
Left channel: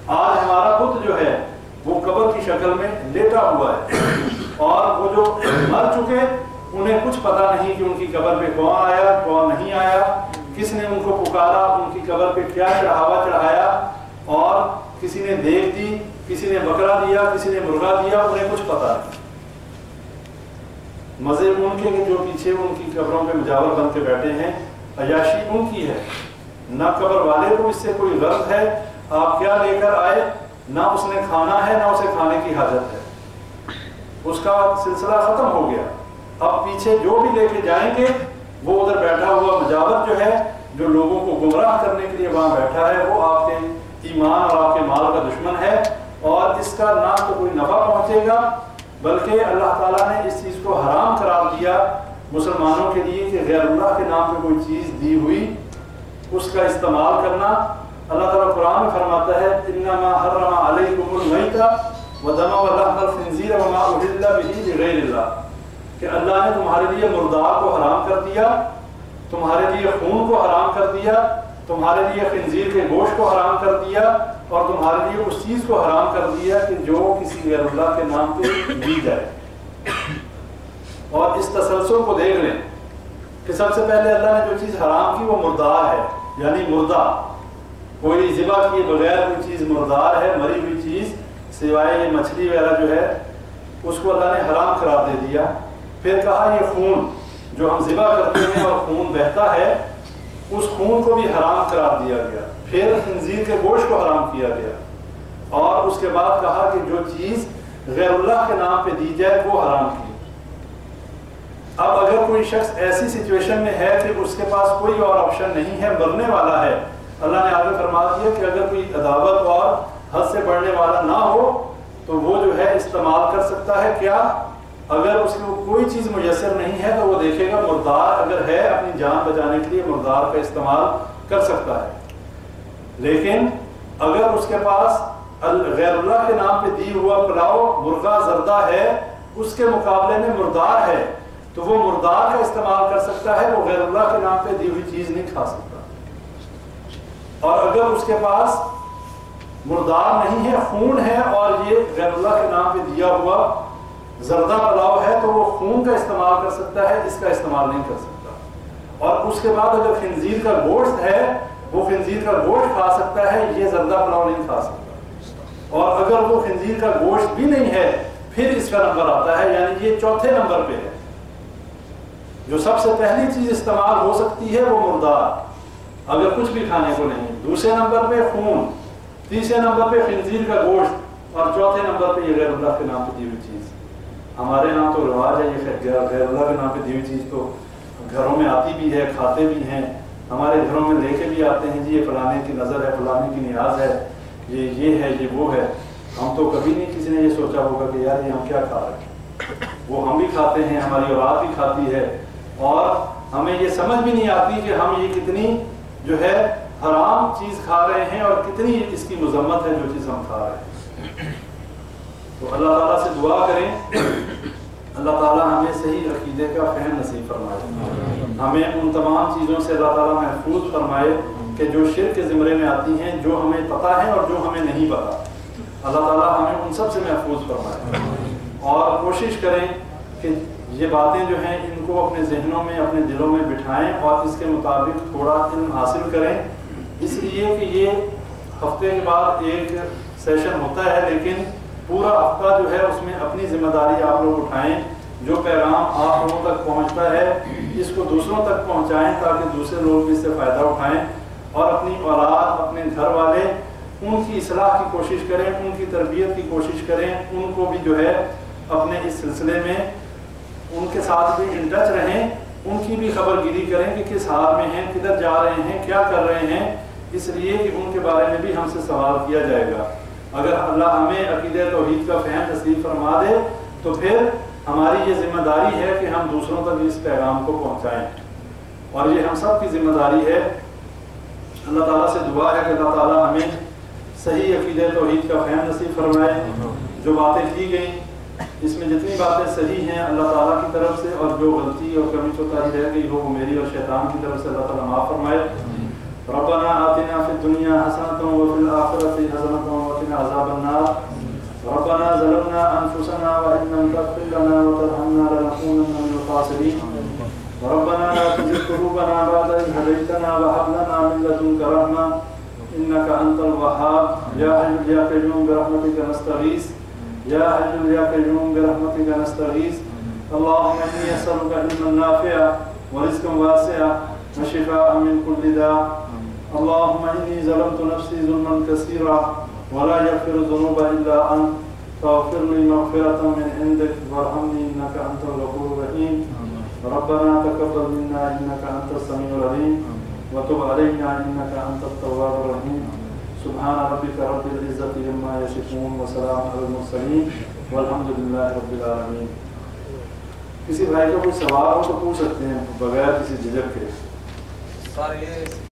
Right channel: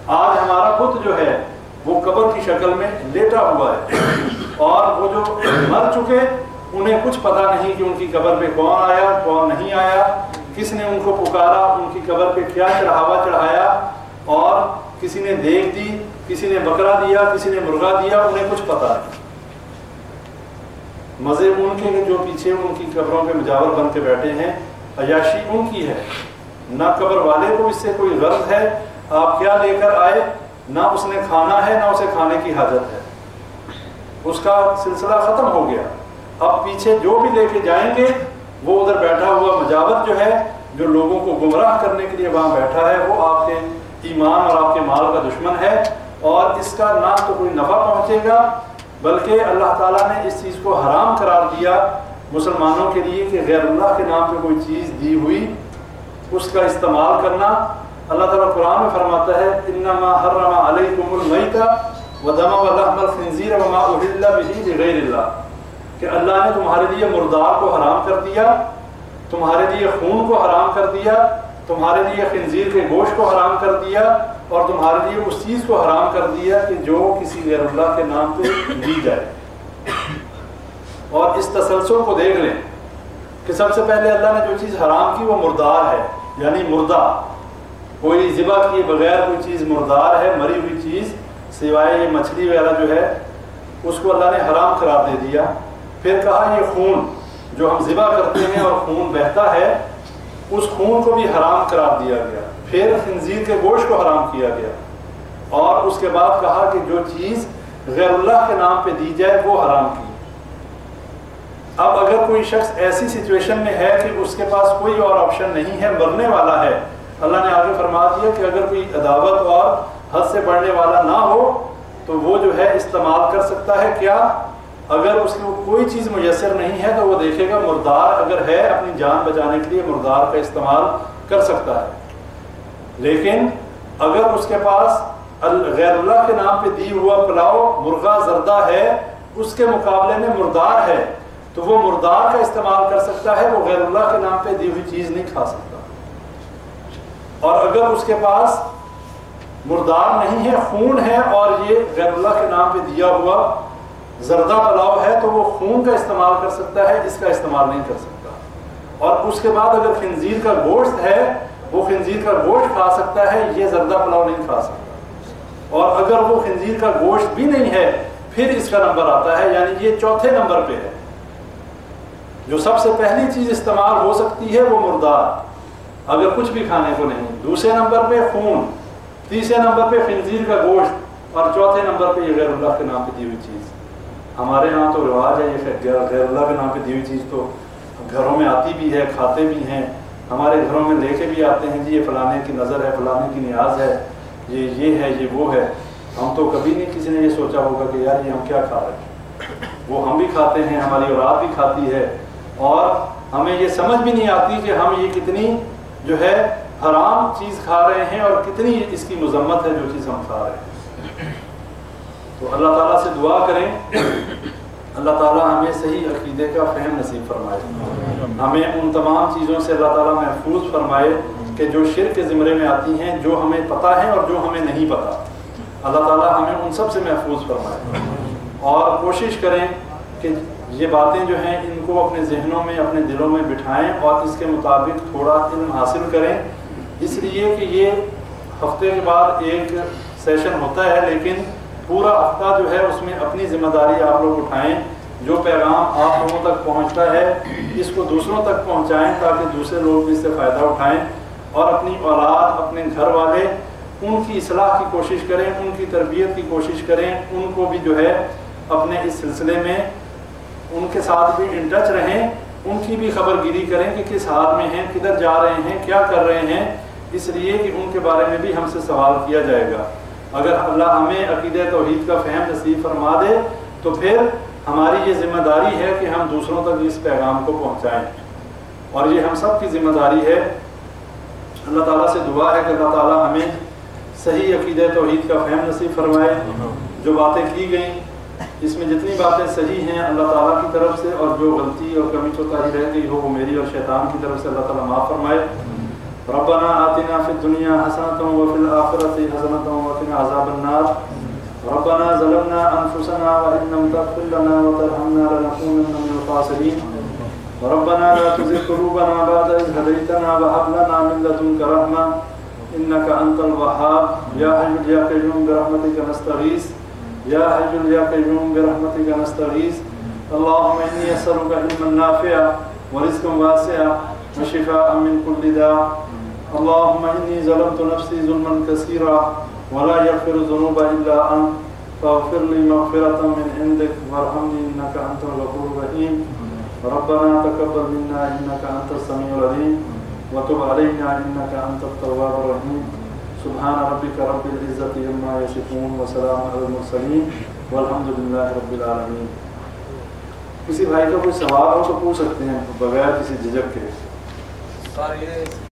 آج ہمارا بت جو ہے وہ قبر کی شکل میں لیٹا ہوا ہے، اور وہ جو مر چکے انہیں کچھ پتہ نہیں کہ ان کی قبر پہ کون آیا کون نہیں آیا، کس نے ان کو پکارا، ان کی قبر پہ کیا چڑھاوا چڑھایا، اور کسی نے دیگ دی، کسی نے بکرا دیا، کسی نے مرغا دیا، انہیں کچھ پتہ نہیں۔ مزے ان کے جو پیچھے ان کی قبروں پہ مجاور بن کے بیٹھے ہیں، عیاشی ان کی ہے، نہ قبر والے کو اس سے کوئی غرض ہے آپ کیا لے کر آئے، نہ اس نے کھانا ہے نہ اسے کھانے کی حاجت ہے، اس کا سلسلہ ختم ہو گیا۔ اب پیچھے جو بھی لے کے جائیں گے وہ ادھر بیٹھا ہوا مجاور جو ہے جو لوگوں کو گمراہ کرنے کے لیے وہاں بیٹھا ہے وہ آپ کے ایمان اور آپ کے مال کا دشمن ہے، اور اس کا نہ تو کوئی نفع پہنچے گا بلکہ اللہ تعالیٰ نے اس چیز کو حرام قرار دیا مسلمانوں کے لیے کہ غیر اللہ کے نام پہ کوئی چیز دی ہوئی اس کا استعمال کرنا۔ اللہ تعالیٰ قرآن میں فرماتا ہے انما حرم علیکم المیت والدم ولحم الخنزیر وما اہل به لغیر اللہ، کہ اللہ نے تمہارے لیے مردار کو حرام کر دیا، تمہارے لیے خون کو حرام کر دیا، تمہارے لیے خنزیر کے گوشت کو حرام کر دیا، اور تمہارے لیے اس چیز کو حرام کر دیا کہ جو کسی غیر اللہ کے نام پہ دی جائے۔ اور اس تسلسل کو دیکھ لیں کہ سب سے پہلے اللہ نے جو چیز حرام کی وہ مردار ہے، یعنی مردہ، کوئی ذبح کیے بغیر کوئی چیز مردار ہے، مری ہوئی چیز، سوائے یہ مچھلی وغیرہ جو ہے اس کو اللہ نے حرام قرار دے دیا۔ پھر کہا یہ خون جو ہم ذبح کرتے ہیں اور خون بہتا ہے اس خون کو بھی حرام قرار دیا گیا۔ پھر خنزیر کے گوشت کو حرام کیا گیا، اور اس کے بعد کہا کہ جو چیز غیر اللہ کے نام پہ دی جائے وہ حرام کی۔ اب اگر کوئی شخص ایسی سچویشن میں ہے کہ اس کے پاس کوئی اور آپشن نہیں ہے، مرنے والا ہے، اللہ نے آگے فرما دیا کہ اگر کوئی عداوت اور حد سے بڑھنے والا نہ ہو تو وہ جو ہے استعمال کر سکتا ہے کیا؟ اگر اس کو کوئی چیز میسر نہیں ہے تو وہ دیکھے گا مردار اگر ہے اپنی جان بچانے کے لیے مردار کا استعمال کر سکتا ہے۔ لیکن اگر اس کے پاس غیر اللہ کے نام پہ دی ہوا پلاؤ مرغہ زردہ ہے، اس کے مقابلے میں مردار ہے، تو وہ مردار کا استعمال کر سکتا ہے، وہ غیر اللہ کے نام پہ دی ہوئی چیز نہیں کھا سکتا۔ اور اگر اس کے پاس مردار نہیں ہے، خون ہے، اور یہ غیر اللہ کے نام پہ دیا ہوا زردہ پلاؤ ہے، تو وہ خون کا استعمال کر سکتا ہے، اس کا استعمال نہیں کر سکتا۔ اور اس کے بعد اگر خنزیر کا گوشت ہے، وہ خنزیر کا گوشت کھا سکتا ہے، یہ زردہ پلاؤ نہیں کھا سکتا۔ اور اگر وہ خنزیر کا گوشت بھی نہیں ہے، پھر اس کا نمبر آتا ہے، یعنی یہ چوتھے نمبر پہ ہے۔ جو سب سے پہلی چیز استعمال ہو سکتی ہے وہ مردار، اگر کچھ بھی کھانے کو نہیں، دوسرے نمبر پہ خون، تیسرے نمبر پہ خنزیر کا گوشت، اور چوتھے نمبر پہ یہ غیر اللہ کے نام پہ دی ہوئی چیز۔ ہمارے ہاں تو رواج ہے یہ غیر اللہ کے نام پہ دی ہوئی چیز تو گھروں میں آتی بھی ہے، کھاتے بھی ہیں، ہمارے گھروں میں لے کے بھی آتے ہیں، جی یہ فلانے کی نظر ہے، فلانے کی نیاز ہے، یہ ہے، یہ وہ ہے۔ ہم تو کبھی نہیں کسی نے یہ سوچا ہوگا کہ یار یہ ہم کیا کھا رہے ہیں، وہ ہم بھی کھاتے ہیں، ہماری اولاد بھی کھاتی ہے، اور ہمیں یہ سمجھ بھی نہیں آتی کہ ہم یہ کتنی جو ہے حرام چیز کھا رہے ہیں اور کتنی اس کی مذمت ہے جو چیز ہم کھا رہے ہیں۔ تو اللہ تعالیٰ سے دعا کریں اللہ تعالیٰ ہمیں صحیح عقیدے کا فہم نصیب فرمائے، ہمیں ان تمام چیزوں سے اللہ تعالیٰ محفوظ فرمائے کہ جو شرک کے زمرے میں آتی ہیں، جو ہمیں پتہ ہے اور جو ہمیں نہیں پتہ، اللہ تعالیٰ ہمیں ان سب سے محفوظ فرمائے۔ اور کوشش کریں کہ یہ باتیں جو ہیں ان کو اپنے ذہنوں میں، اپنے دلوں میں بٹھائیں اور اس کے مطابق تھوڑا علم حاصل کریں، اس لیے کہ یہ ہفتے کے بعد ایک سیشن ہوتا ہے، لیکن پورا ہفتہ جو ہے اس میں اپنی ذمہ داری آپ لوگ اٹھائیں، جو پیغام آپ لوگوں تک پہنچتا ہے اس کو دوسروں تک پہنچائیں تاکہ دوسرے لوگ بھی اس سے فائدہ اٹھائیں، اور اپنی اولاد، اپنے گھر والے، ان کی اصلاح کی کوشش کریں، ان کی تربیت کی کوشش کریں، ان کو بھی جو ہے اپنے اس سلسلے میں ان کے ساتھ بھی ان ٹچ رہیں، ان کی بھی خبر گیری کریں کہ کس حال میں ہیں، کدھر جا رہے ہیں، کیا کر رہے ہیں، اس لیے کہ ان کے بارے میں بھی ہم سے سوال کیا جائے گا۔ اگر اللہ ہمیں عقیدہ توحید کا فہم نصیب فرما دے تو پھر ہماری یہ ذمہ داری ہے کہ ہم دوسروں تک اس پیغام کو پہنچائیں، اور یہ ہم سب کی ذمہ داری ہے۔ اللہ تعالیٰ سے دعا ہے کہ اللہ تعالیٰ ہمیں صحیح عقیدہ توحید کا فہم نصیب فرمائے۔ جو باتیں کی گئیں اس میں جتنی باتیں صحیح ہیں اللہ تعالیٰ کی طرف سے، اور جو غلطی اور کمی کوتاہی رہ گئی ہو وہ میری اور شیطان کی طرف سے اللہ تعالیٰ معاف فرمائے۔ ربنا آتنا فی الدنیا حسنۃ وفی الآخرۃ حسنۃ وقنا عذاب النار۔ ربنا ظلمنا انفسنا وان لم تغفر لنا وترحمنا لنكونن من الخاسرین۔ ربنا لا تزغ قلوبنا بعد إذ هديتنا وهب لنا من لدنك رحمة إنك أنت الوهاب۔ يا حي يا قيوم برحمتك نستغيث، يا حي يا قيوم برحمتك نستغيث۔ اللهم إني أسألك علما نافعا ورزقا واسعا وشفاء من كل داء۔ اللهم إني ظلمت نفسي ظلما كثيرا ولا يغفر الذنوب إلا أنت فاغفر لي مغفرة من عندك وارحمني إنك أنت الغفور الرحيم۔ ربنا تقبل منا إنك أنت السميع العليم وتب علينا إنك أنت التواب الرحيم۔ سبحان ربك رب العزة عما يصفون وسلام على المرسلين والحمد لله رب العالمين۔ کسی بھائی کا کوئی سوال ہو تو پوچھ سکتے ہیں بغیر کسی جھجک کے۔